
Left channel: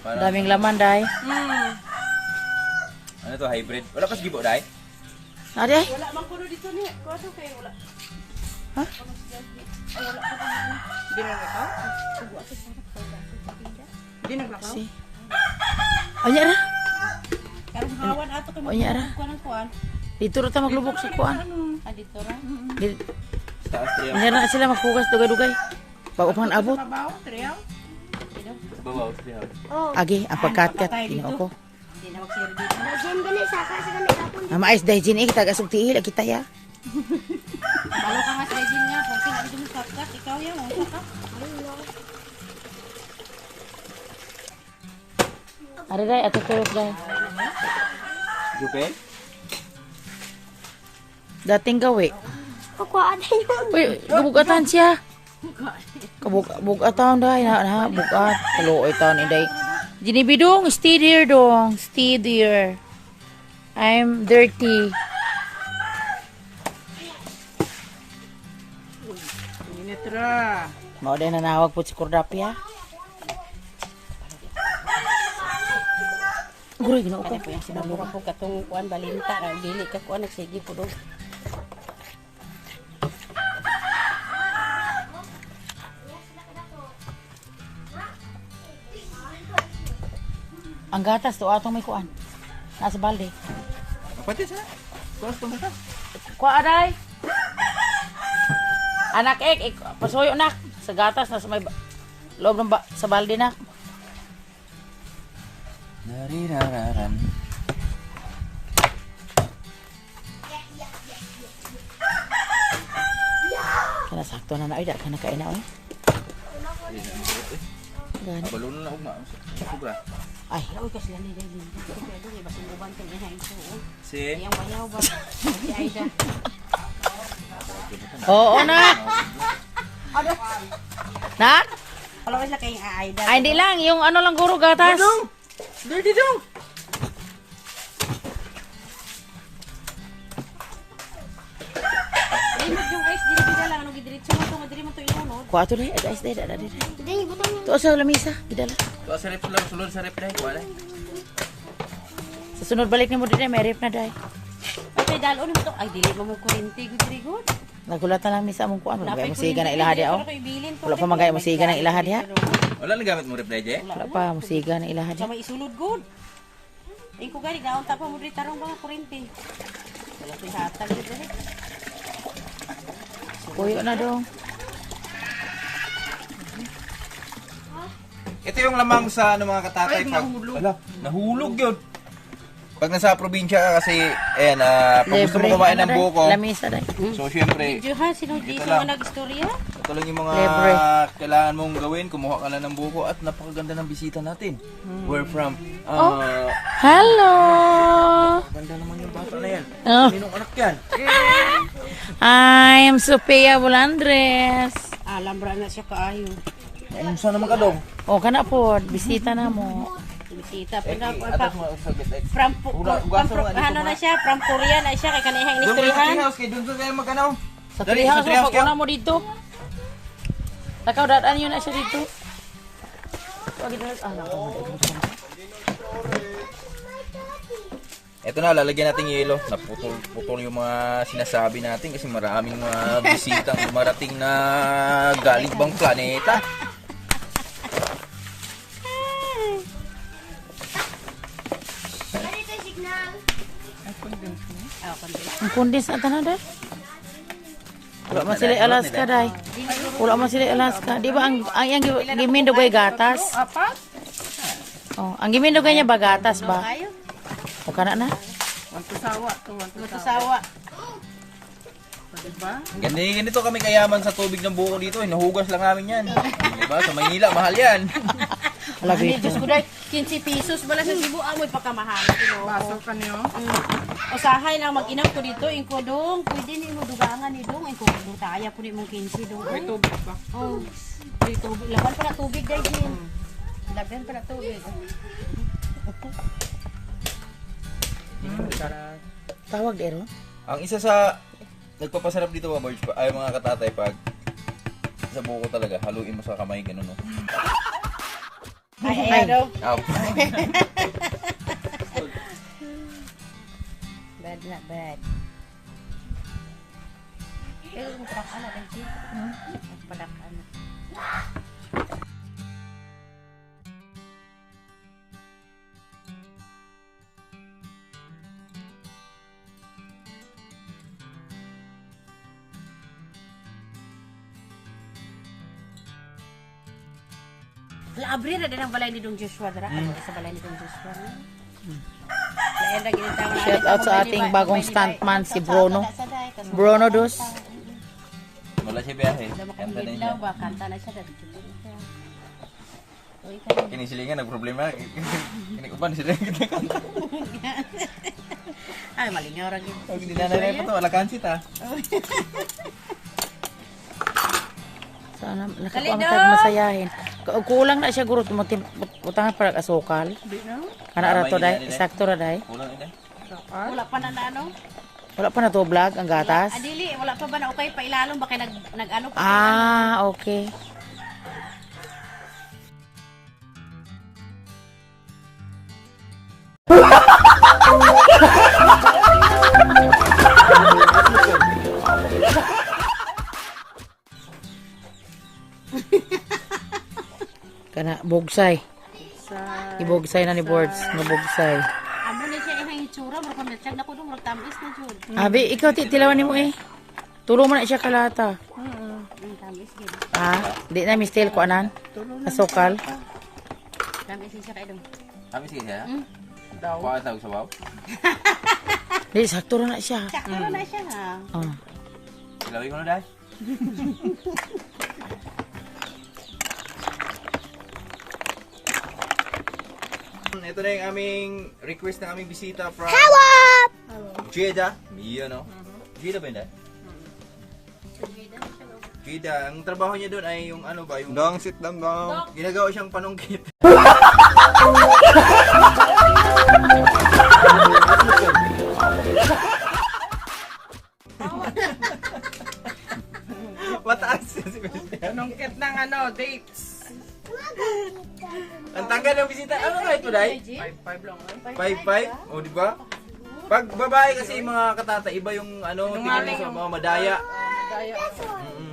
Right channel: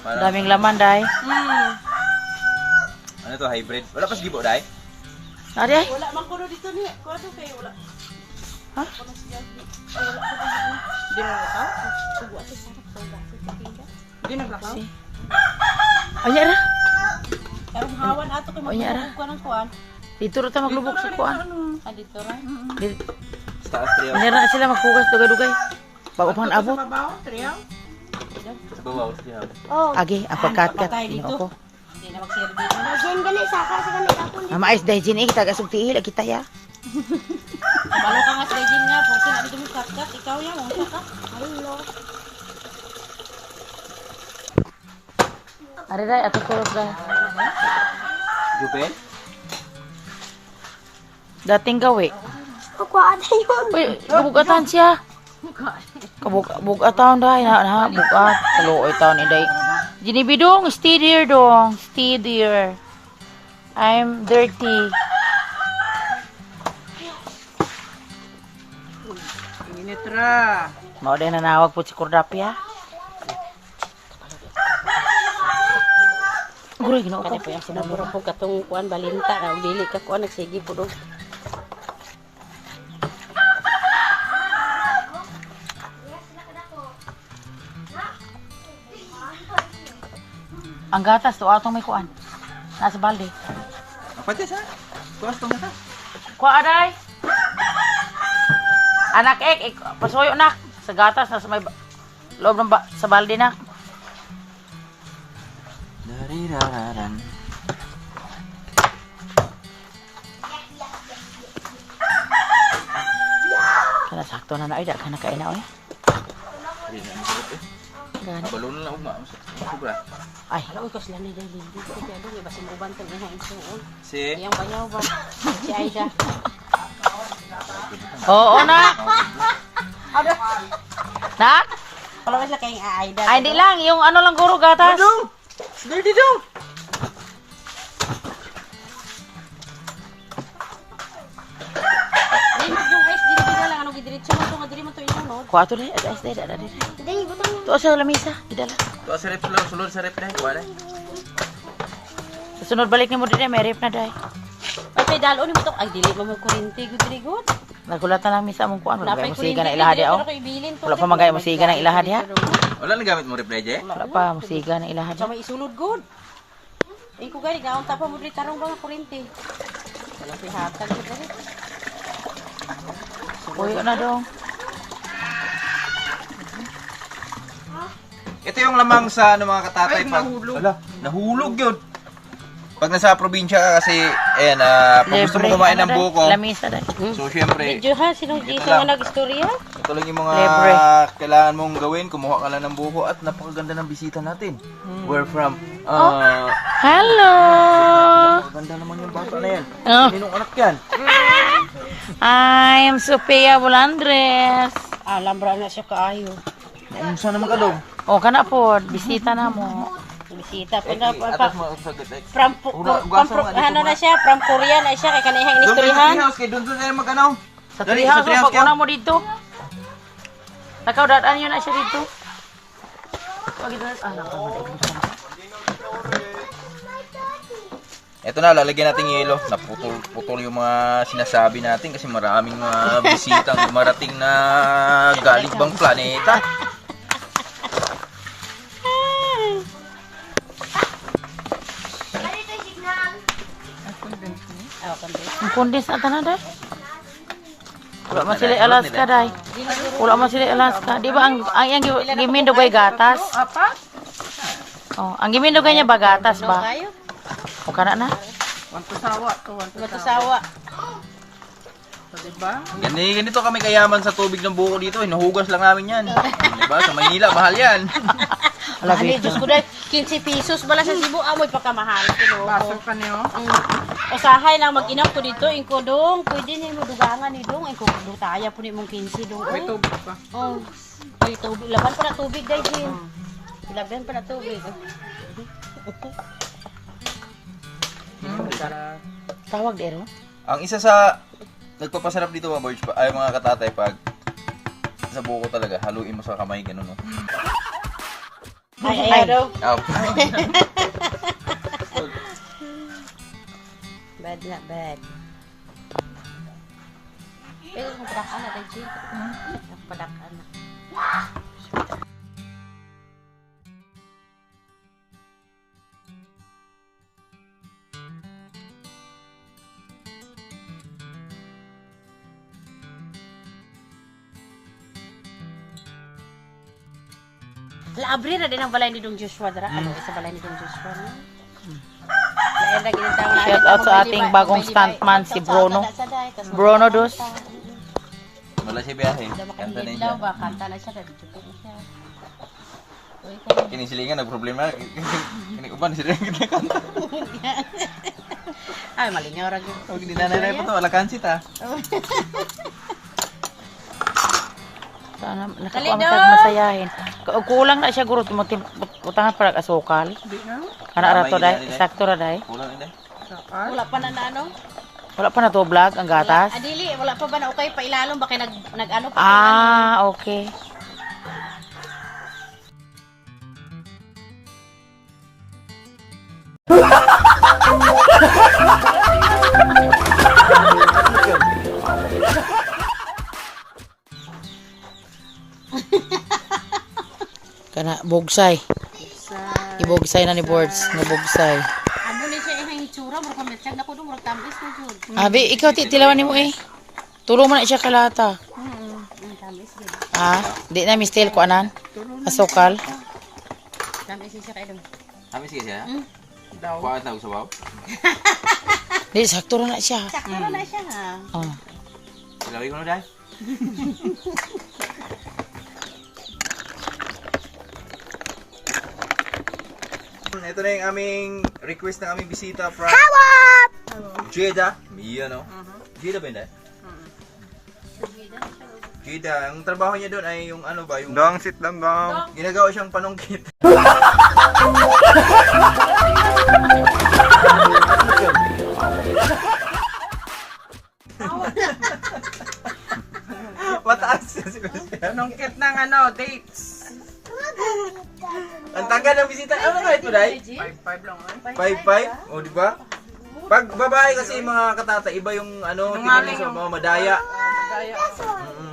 Para, Daming laman dai. ano to, hybrid? Wala pa sigibo, dahil? Ade. Wala man kuno dito ni. Kwato kay wala. Hindi mo nakaw? Hindi naglakaw? Anya ra. Karong hawan ato kay Onya, ara. maglubog ko ng kuan. Dito ra ta maglubog sa kuan. Ah, dito ra. Dito. Sa Astria. Anya ra sila magkugas dugay-dugay. Pag upan abot. Mabaw, triyaw. Bawaw, Astria. Agi, ang pagkat-kat. Tinoo ko. Hindi na magsir dito. Diyan gani saka sa gani ako. Mama ice dahil dyan eh. Tagasog tiil. Kita ya. Balo ka nga sa Regin nga, kung sino dito mo katkat, ikaw yan, mo katkat. Ari dai, ato tulog dai. Jupel? Dating gawi. Kukuha na yun. Uy, kabugatan siya. Kabugatan dai. Ha, bugat. Kaluoy taon ni dai. Jinibi dong, stay there dong. Stay there. I'm dirty. Initra. Mao din nanawag po si Kordapia. Guro ginoo ko. Sinabura ko katong kuan balinta, bili ka kuan nagsige ko dong. Ang gatas to atong may kuan. Nasa balde. Pati sa? Tuwas tong ka. Kuha aday. Anak pasuyo nak sa gatas nasa may loob ng sa balde nak. Narirararan. Kana sakto na ay da kana kain na oy. Hindi na masarap eh. Gani. Balon na ugma. Sobra. Ay, Uy, kasi lang nila dito. Kaya dong, ibasin uban ka nga ito. Si? Yang banyaw ba? Si Aida. oo nak. Nak? Kalau kasi kay Aida. Ay di lang yung ano lang guro gatas. Dirty dong! Dili yung ice dili bigla lang ano gidiretso mo to nga dili mo to inunod. Kuha to dai, guys dai da dai. Dahil butang mo. To sa lamisa, gidala. Tuwas sa rep lang. Sulod sa rep dahil. Wala. Sa sunod balik ni mo dai, may rep na dai. Ay kay dalo ni mo to. Ay dili mo mo kuryente gud diri gud. Nagulat na lang misa mong kuan, wala Napay pa musiga na ilaha dia oh. Ibilin Wala pa magay musiga ng ilaha dia. Wala na gamit mo rep dahil, eh? Wala pa musiga ng ilaha Sa dia. may isulod gud. Ay ko gani gaon ta pa mo diri tarong ba nga kuryente. Wala si hatag gud diri. Puyo na dong. Ito yung lamang sa ano mga katatay pag Ala, nahulog yun. Pag nasa probinsya ka kasi ayan, pag gusto mo kumain ng buko. Lamisa dai. So syempre, Medyo ha sinong Ito Jason lang. nga nag-istorya. ito lang yung mga Libre. kailangan mong gawin, kumuha ka lang ng buko at napakaganda ng bisita natin. We're from Hello. Ganda naman yung bata na yan. Oh. Minong anak yan? I'm Sophia Bulandres. Alam bra na siya kaayo. Unsa naman ka dong? O, kana po, bisita na mo. Bisita Eh, atas mo sa gate. ano na siya, from Korea na siya, kay kanihang inistoryahan. Kay doon tayo magkanaw. Sa Dali, trihang sa treehouse pag una mo dito. Takaw, dadaan yun na siya dito. Wag ito na, nakakabuksan. Ito na, lalagyan natin yelo. Naputol yung mga sinasabi natin kasi maraming mga bisitang dumarating na galing ibang planeta. Ang kondens na tanan, day. Wala man sila Alaska, day. Wala man sila Alaska. Di ba ang gimindugay gatas? Oh, ang gimindugay niya ba gatas ba? Kayo, O kana na? Wantusawa to, matusawa. Diba? Ganito kami kayaman sa tubig ng buko dito. Hinuhugas lang namin yan. Diba? Sa Maynila, mahal yan. Ala, Ani, bito. Diyos ko dahil, 15 pesos bala sa Cebu, amoy pagkamahal. Baso ka niyo. Usahay lang mag-inap ko dito, ingko dong, pwede ni mo dugangan ni dong, ingko dutaya po ni mong 15 dong. May tubig pa. Oh, may tubig, laban pa na tubig guys din. Laban pa na tubig. Tawag ero. Ang isa sa nagpapasarap dito mga boys, ay mga katatay, pag sa buko talaga, haluin mo sa kamay, ganun no. Ay, daw. Ah, Bad na, bad. Eh, kung padakan na, Reggie. Padakan na. Laabri na din ang balay ni Dong Joshua dara. Ano isa balay ni Dong Joshua? Lain ra gid tawo na. Shout out sa ating bagong stuntman, si Bruno. Bruno Dos. wala siya biyahe. Kanta Kanta na na siya. ba? Kanta na siya. Dito na siya. Uy, Kinisilingan, nagproblema. Kinikupan sila yung kanta. ay, malingaw ra gyud. Huwag hindi nanay po to, wala kansit ha. Sana Dali, nakakuha Dong. mo masayahin. Kulang na siya guro utangan para asukal. Ana ra to dai, sakto ra dai. Kulang ina. Wala pa na ano? Wala pa na to vlog ang gatas. Adili, wala pa ba na okay pa ilalom ba kay nag-ano pa Ah, okay. Kana bogsay. Ibogsay na ni boards, nabogsay. Ano ni siya ihang itsura, mura pa metsyag na ko dong, mura tamis na jud. Abi, ikaw tilawan nimo eh. Tulong mo na siya kalata. Tamis gid. Ah, di na mistel ko anan. Asukal. Tamis siya kay dong. Kami sige siya. Daw. Kuha na sa baw. Di sakto ra na siya. Sakto na siya ha. Oh. Ilawin ko na dahil. Ito na yung aming request na aming bisita from Jeddah. Mia, no? Jeddah ba yun dahil? Jeddah. Ang trabaho niya doon ay yung ano ba? Yung Dong, sit down, dong. ginagawa siyang panungkit. Mataas si Christian. Nungkit ng dates. Ang tagal ng bisita. Ano kahit mo, Day? 5 lang. 5-5? O, di ba? Pag babae kasi mga katata, iba yung ano, tingin mo sa mga madaya. Kaya. Mm-mm.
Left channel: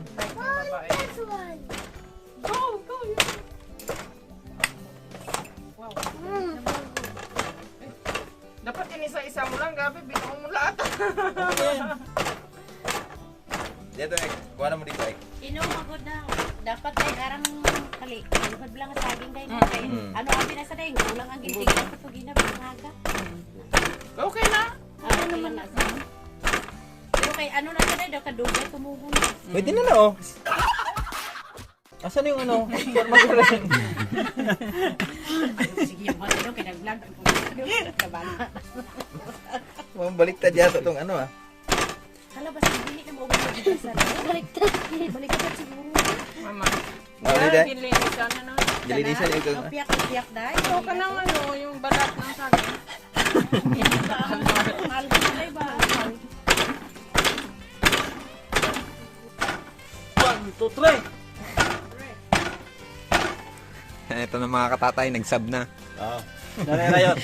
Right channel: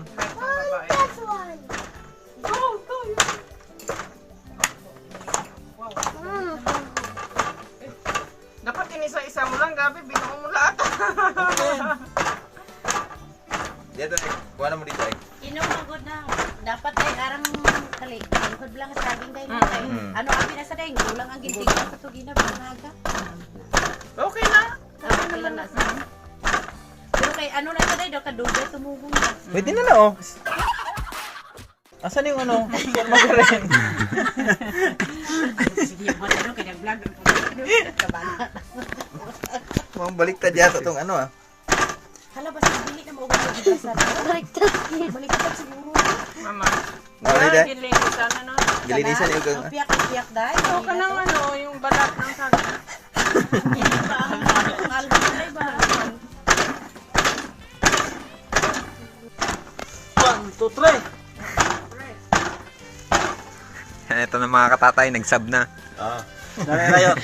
Dapat inisa-isa mo lang, gabi. Binuo mo lahat. Dito, kuha na mo dito, eh. Inom na good na. Dapat ay aram kali. Good lang sa saging kay kay. Ano ang pinasa dai? Kulang ang ginting sa tugina panaga. Okay na. Okay lang na. Pero kay ano na sa dai daw kadugay tumugong. Pwede na na, oh. Asan yung ano? Forma ka rin. Sige mo ano kay nag-vlog ako. Kabalo. Mga baliktad yata tong ano, ah. Hala basta dili na mo sa baliktad. Baliktad siguro. Mama. Dahil Gilinisan na no. gilinisan yung kung... Piyak dahil. Ito ka ng ano, yung balat ng saging. Ang album na iba. 1, 2, 3. Ito na mga katatay, nagsab na. Nanay Rayot.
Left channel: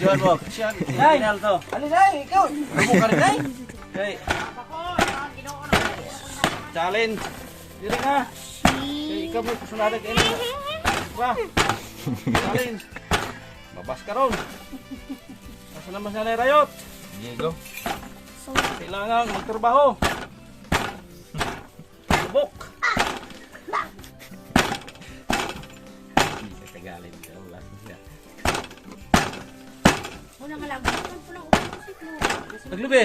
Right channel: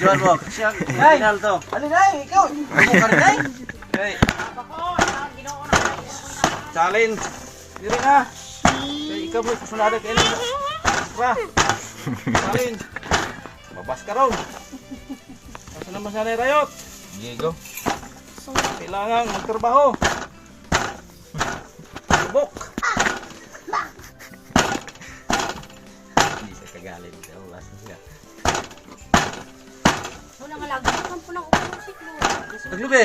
Juan mo. Siyang final to. Ano na? Ikaw. Ano ka rin ay? Okay. Challenge. Dili na. So, ikaw mo. Kasunada kayo na. Pa. Challenge. Babas ka ron. Asa naman si Nanay Rayot? Diego. Kailangan magtrabaho. Subok. Hindi sa kagalit. Wala siya. Wala nga lago naman po lang umusik mo. Naglubi.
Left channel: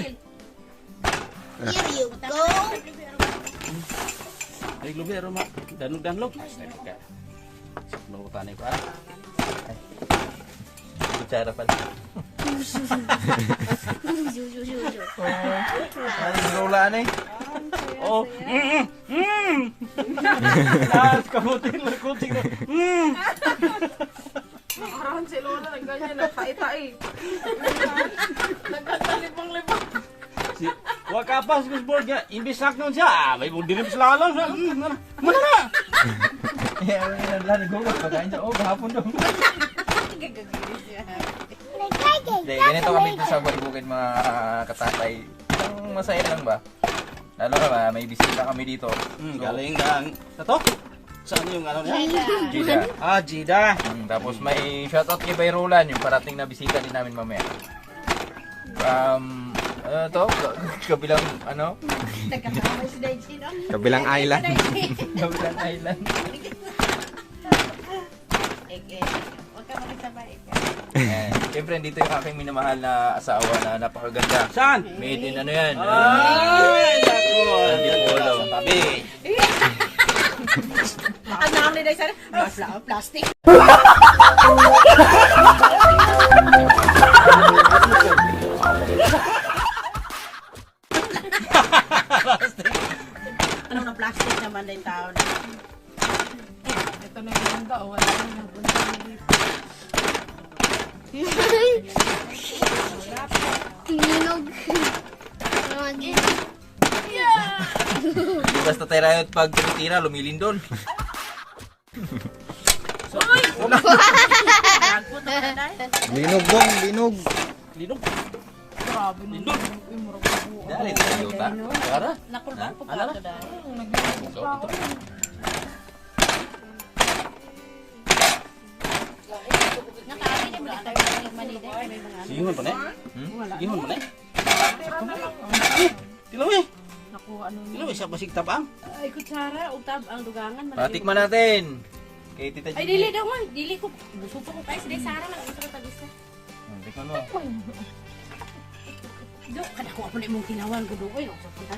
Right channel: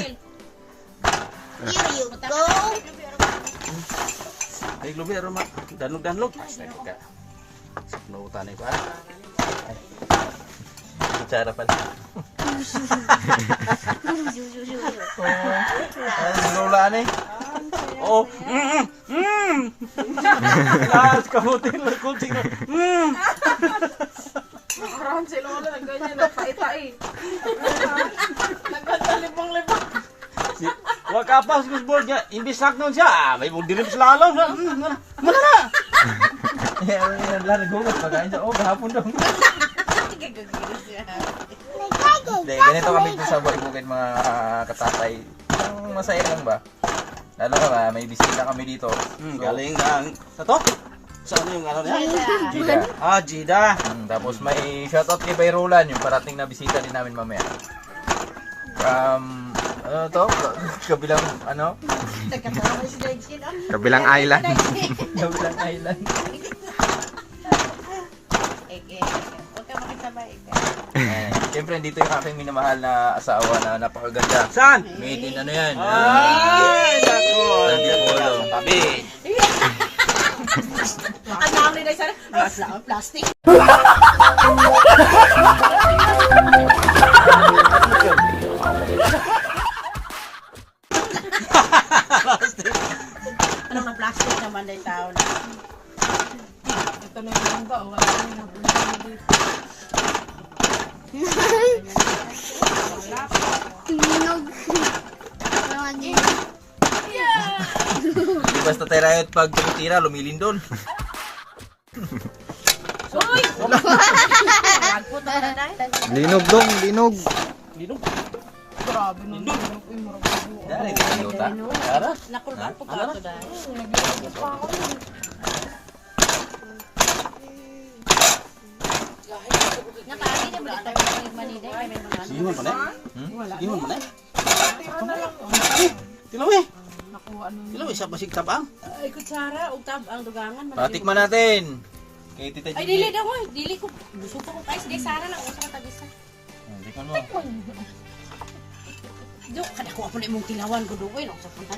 Ay, lubi, aroma. Danlog. Nautan ay pa. Kutsara pala. Ay, lulaan eh. Oh. Lahat kamutin lang kunting. Nakaraan si Lola, nagganyan, nagpaitai. Nagganyan-libang-libang. Si wakapas kusbol niya, imbis saknon siya. May dilim sa lalaw. Muna na. Yan lang naghugas. Pagkain siya. Oh, gahapon daw. Hindi, ganito kami dito sa Bukid mga katatay. Ang masaya lang ba? Lalo ka ba, may bisita kami dito. So, Galing ng sa to. Saan yung ano niya? Gida. Ah, Jida. Tapos may shoutout kay Bayrolan, yung parating na bisita din namin mamaya. Ano to? Kabilang, ano? Kabilang island. Kabilang island. Huwag ka makisabay. Ayan. Siyempre, dito yung aking minamahal na asawa na napakaganda. Saan? Made in ano yan? Ay, nako. Antipolo. Tabi. Ang namin na isa, plastic. Ano nga plastic naman din tao na? Ito na yung mangga, o wala na yung Di basta tayo pag tumitira, lumilindol. Linog dong, linog. Dali, Toyota. Tara. Nakulbang po ka ito dahil. Nakaali niya mga tayo ng Manila. Kaya may mga ano. Sihon pa na? Sihon pa na? Tilawi. Tilawi sa basig tabang. Ay, kutsara, utab, ang dugangan. Patikman natin. Kay Tita Ay, Gigi. dili daw mo. Dili ko. Gusto ko tayo. Sige, Sara lang. Usa ka tagisa. Tikman mo. Do, kada ko ako na imong tinawan ko doon. Uy, nakasok ka.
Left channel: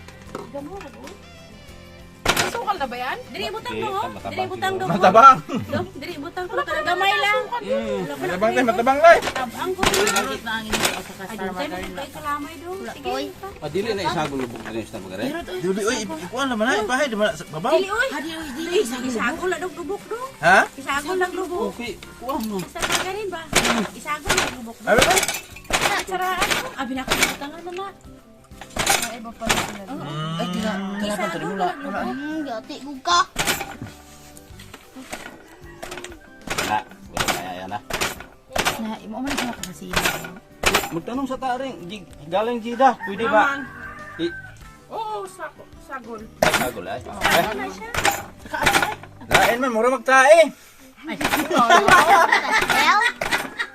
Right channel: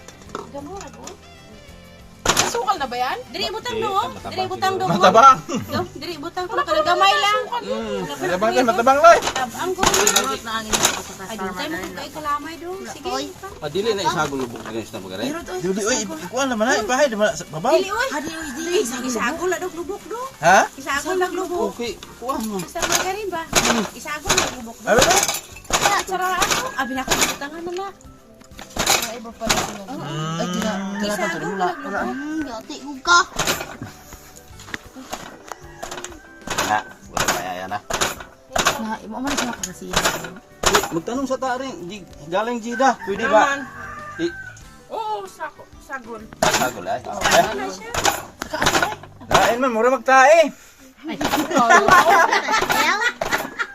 Gamo, ano? sukal na ba yan? Diri butang mo. Diri butang do. Matabang. Do, diri butang ko. Kada gamay lang. Matabang tayo, matabang tayo. Tabang ko. Urot na angin ko sa Ay, Star dito tayo Margarine. tayo kalamay do. Sige. Dili na isagol lubog na sa pagare. Dili, oy, ikuan naman na. Ipahay, babaw. Dili, uy. Dili, isagol na lubok do. Ha? Isagol na lubok. Okay, kuha mo. Sa margarine ba? Isagol na lubok do. Ano ba? Saraan mo. Abi na kabutang naman na. Iba pa rin yan. Isagol na lubok. Gati buka. Na, wala kaya yan na. Na, imo man siya kasi. Magtanong sa taring, di galing Jida, pwede ba? Naman. Oo, sagol. Sagol ay. Lain man, mura magtae.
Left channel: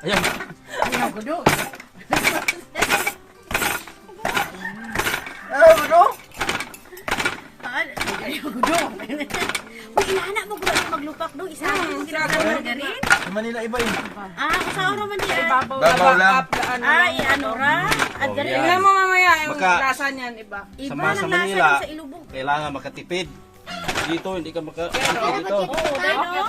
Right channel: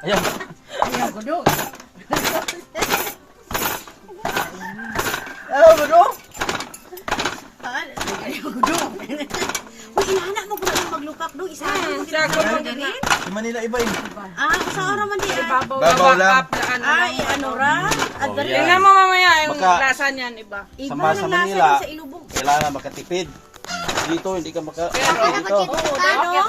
Ayan. Ayaw ko do. Ano ba do? Uy, inahanak mo kung maglupak do. Isagol na sila margarine. Sa Manila iba yun. Ah, sa oras man di. Babaw lang. Ay, ano ra? At Oh, dari. yan. Tingnan mo mamaya yung Baka- lasa niyan, iba. Sa Iba sa ng Manila, lasa sa ilubog. kailangan makatipid. Dito hindi ka makatipid dito. Oo, dano.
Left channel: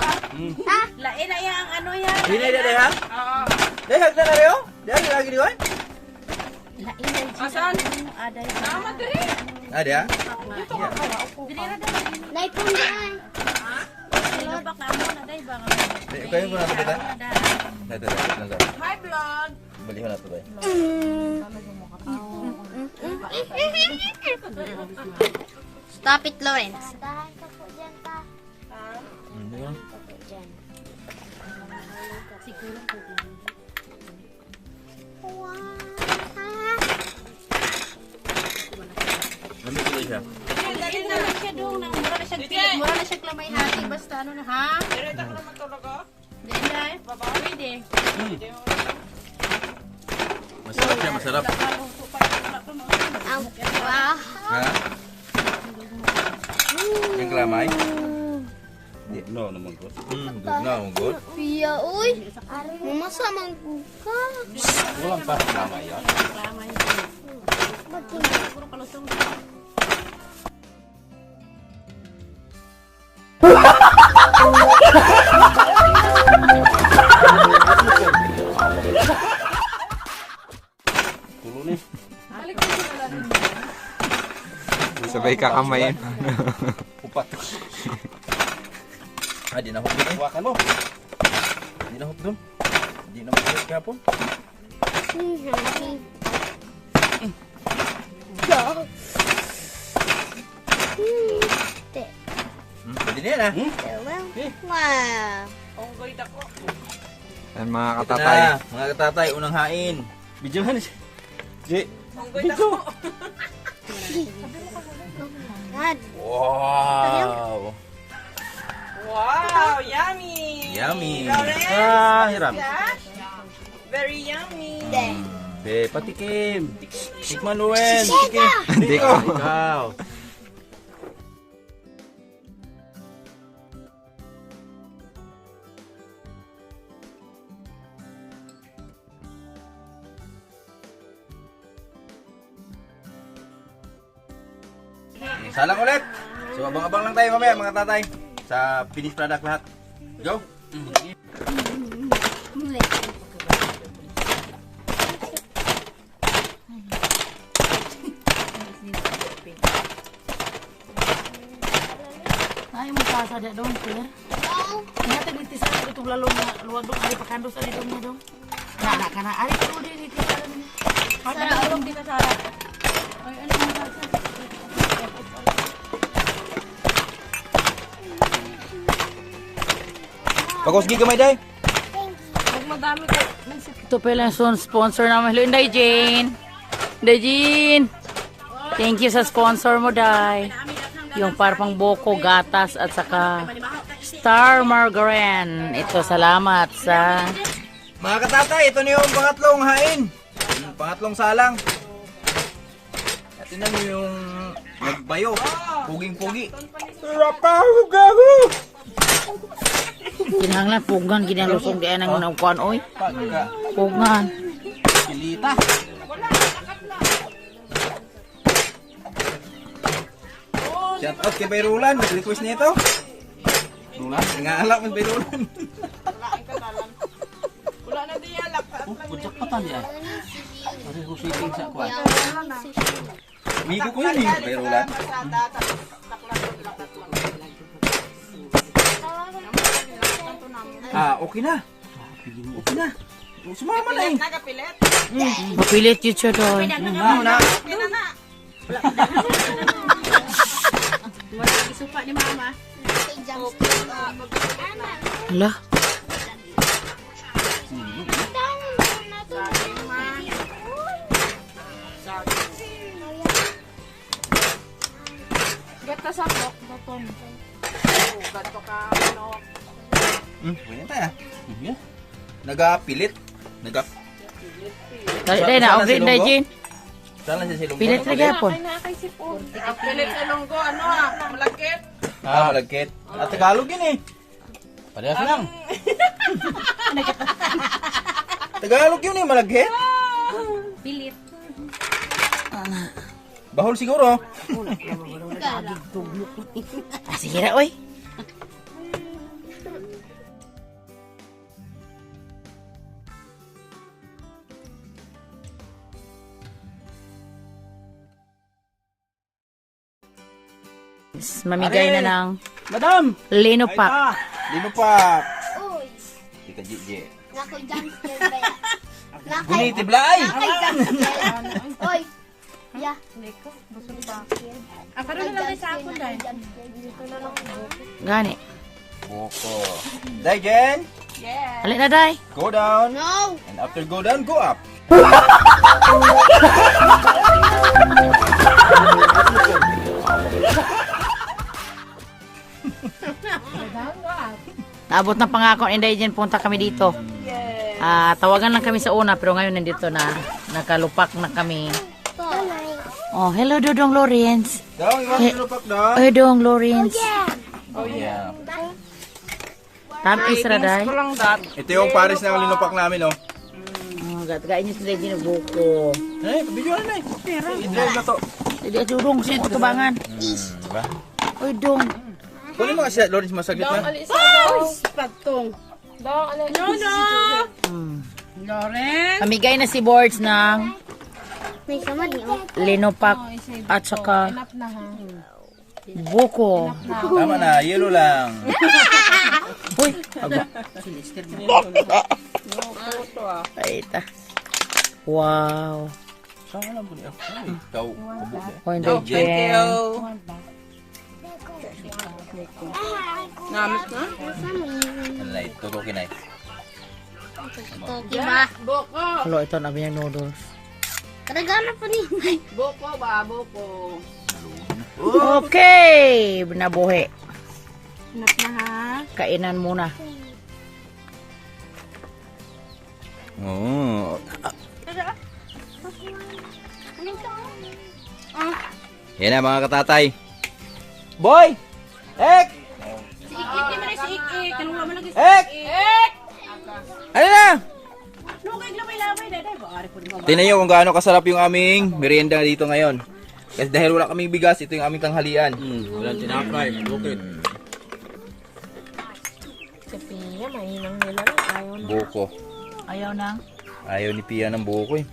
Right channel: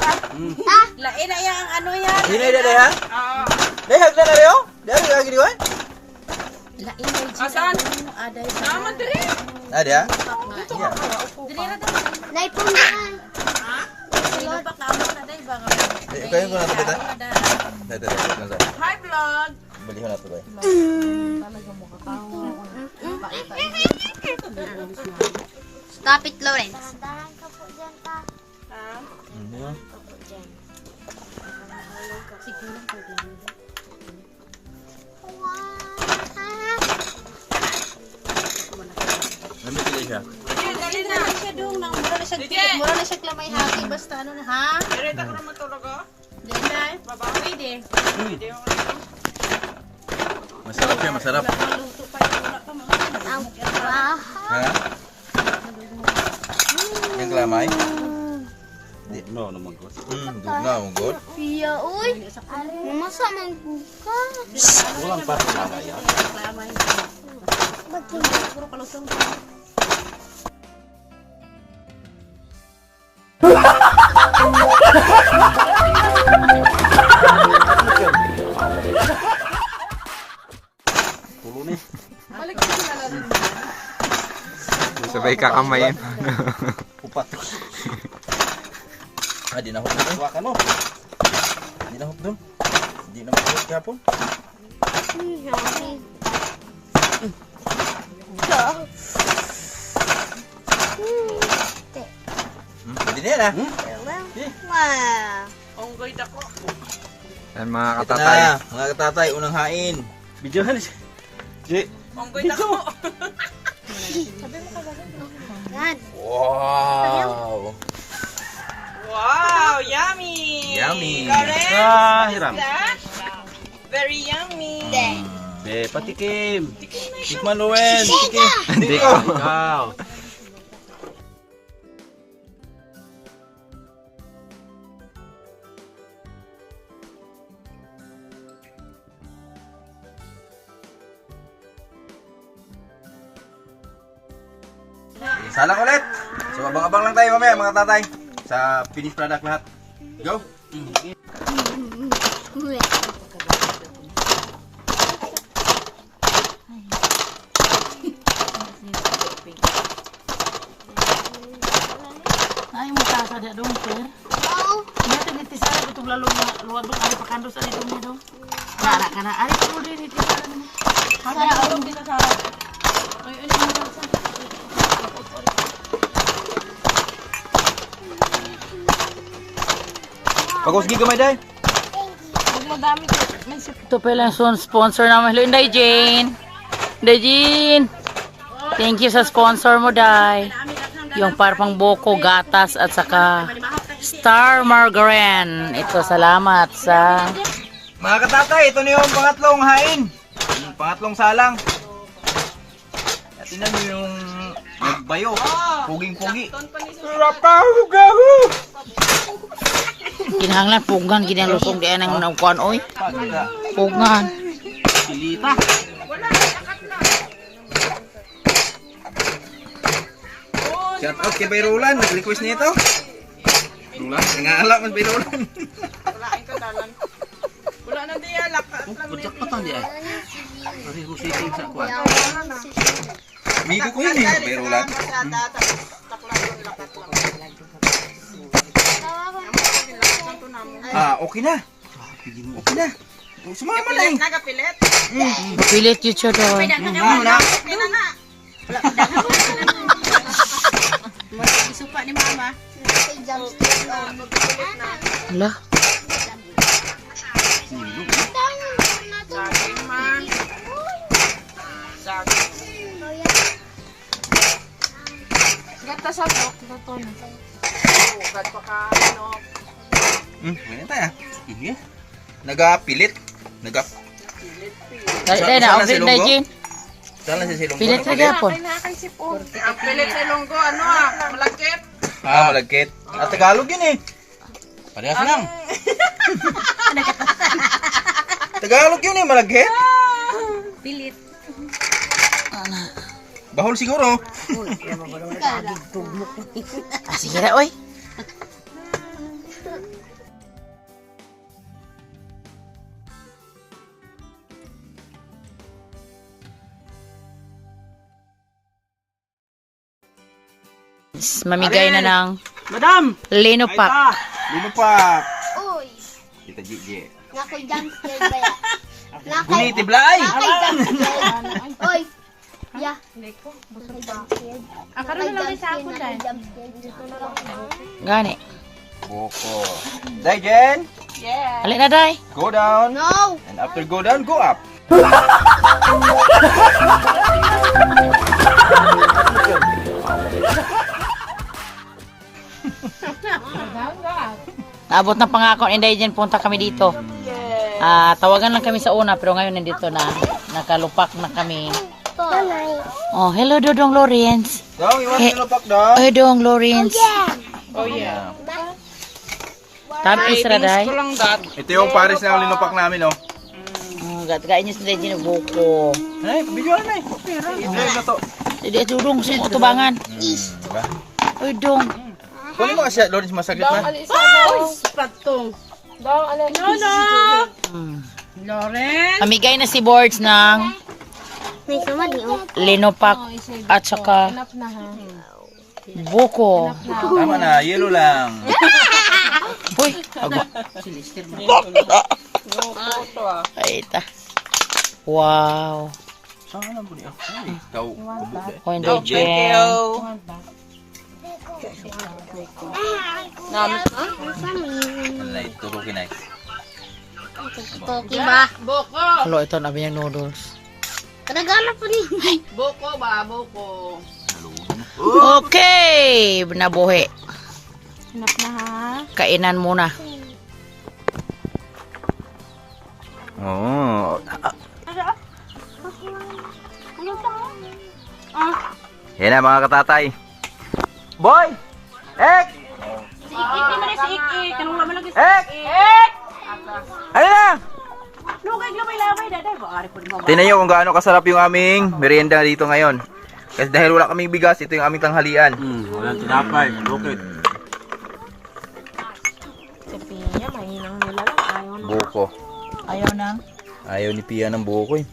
Lain na yang ano yan. Hinay na ha? Oo. Dehag na na rin oh. Dehag lagi di ba? Lain na yung Saan? aday. Naman diri. Ada. Dili ra daw. Naipon na. baka amo na day ba? Kayo ko na ito, Tita. Ito. Hi, vlog! Baliho na ito, Tay. Stop it, Lawrence. Ano sila siya? Galing naman siya doon. Mura na siya klamay hati. Basta ano na, ha? Direta ko naman tulog, oh. Diyan na. Pwede. Masarap siya, masarap. Ha? Yung kalamay? No, naman ko. Good. Pia, uy. Masa man ka? Walang pa lama yan. Ba't hindi? Puro kalusong. Sabay kakamayin. Upat. Di na hot doon. Waka no. Di na hot doon. Di na hot kahapon. Pwede na yan, ha? Wow. Onggoy dako. Yan mga Ito katatay. na, mga katatay, unang hain. Videohan siya. Jay. Onggoy dako. God. Wow! Wow, yummy! Yummy. Lawrence, Ah, hirap. that? Very yummy. Patikim. Tikman, Lowen. Tikim. Hindi ko. Wow. Salang ulit. So, abang-abang lang tayo mamaya, mga tatay. Sa finished product lahat. Go! Ay, mo para sa dia dong, sir. Wow. Mata ni tisa itong lalong luwad dong ay pakandos ani dong nido. Kana kana ay ko din ni tisa. Ada dong kita sa. Ay ano mo sa. Pagos gig gamay day. Ito pala yung sponsor namin. Hello, Inday Jane. Inday Jane. Thank you sa sponsor mo, Day. Yung parpang boko, gatas, at saka Star Margarine. Ito, salamat sa... Mga katatay, ito na yung pangatlong hain. Yung pangatlong salang. At tingnan nyo yung nagbayo. Puging-pugi. Kinahanglan, pugan, kinalusong di anang naukuan, oy. Pagka. Pugan. Kilita. Shout out kay Bayrulan. Nag-request nito. Rulan? Nangaala man Bayrulan. Walain ka dalan. Wala na diya, lakat. Putok pa tang dia. Mari husiting sa kwan. Migo ko yun eh. Bayrulan. Ah, okay na. Okay na. Sumama na eh. Nagapilit. Mapilit yun siya doon. Na. Isupa ni mama. Hala. Gata sa buton. Ba't pa ka, ano? Ganyan tayo. Sige. Nagapilit. Day, day na, okay, Day Jane. Saan lang si Silong? Pilit na gapon. Ang pilit ni Lunggo, ano malagkit. Ah, malagkit. At Tagalog yun eh. Parehas lang. Tagalog yun eh, malagkit. Pilit. Bahol siguro. Ah, sige na, oy. Mamigay na ng Madam. Lino Ay Pack. ta. Linupak. Uy, Tita Gigi. nga ko'y jumpster ba yan? Nga ko'y- Guniti blay. nga ko'y jumpster. Uy, ya. Ang karoon na lang sa ako dahil. Gani. Buko. Day, Jen. Alin na, day. Go down. No. And after go down, go up. Naabot na pangako ni Dayan, punta kami dito. Tawagan lang kami sa una, pero ngayon nandito na. Nakalupak na kami. Oh, hello Dodong Lawrence. Daw, iwan linupak daw. Ay, Dodong Lawrence. Oh, yeah. Tamis ra, day. Ito yung pares na linupak namin, oh. Gat-gain niyo sa Dayan yung buko. Eh, video na eh. I-drive na to. Hindi, Dodong, sa tubangan. Diba? Oy, Dong. Kunin mo kasi, Lawrence, masaglit na. Pagtong. Amigay na si Boards ng May sama di mo. linopak at saka buko. Tama na, yellow lang. Uy, agwa. Ay, ita. Wow. Saan na po niya? Ikaw, kabuti. Oh, hindi jen. Malay, tutukin na. Koki ba? Boko. Halo, ito na yung noodles. Kadagana po ni. Boko ba? Boko. Okay, nabuhi. Hanap na ha. Kainan muna. Oo. Yan na mga katatay. Boy! Ek! Si Iki man si Iki. Kanong laman lagi si Ek! Iki. Ayun na! Lugay lamay-lamay daday. Baari po mo. Tingnan nyo kung gaano kasarap yung aming merienda dito ngayon. Kasi dahil wala kaming bigas, ito yung aming tanghalian. Walang tinapay. Bukit. Buko. Ayaw nang. Ayaw ni Pia ng buko eh.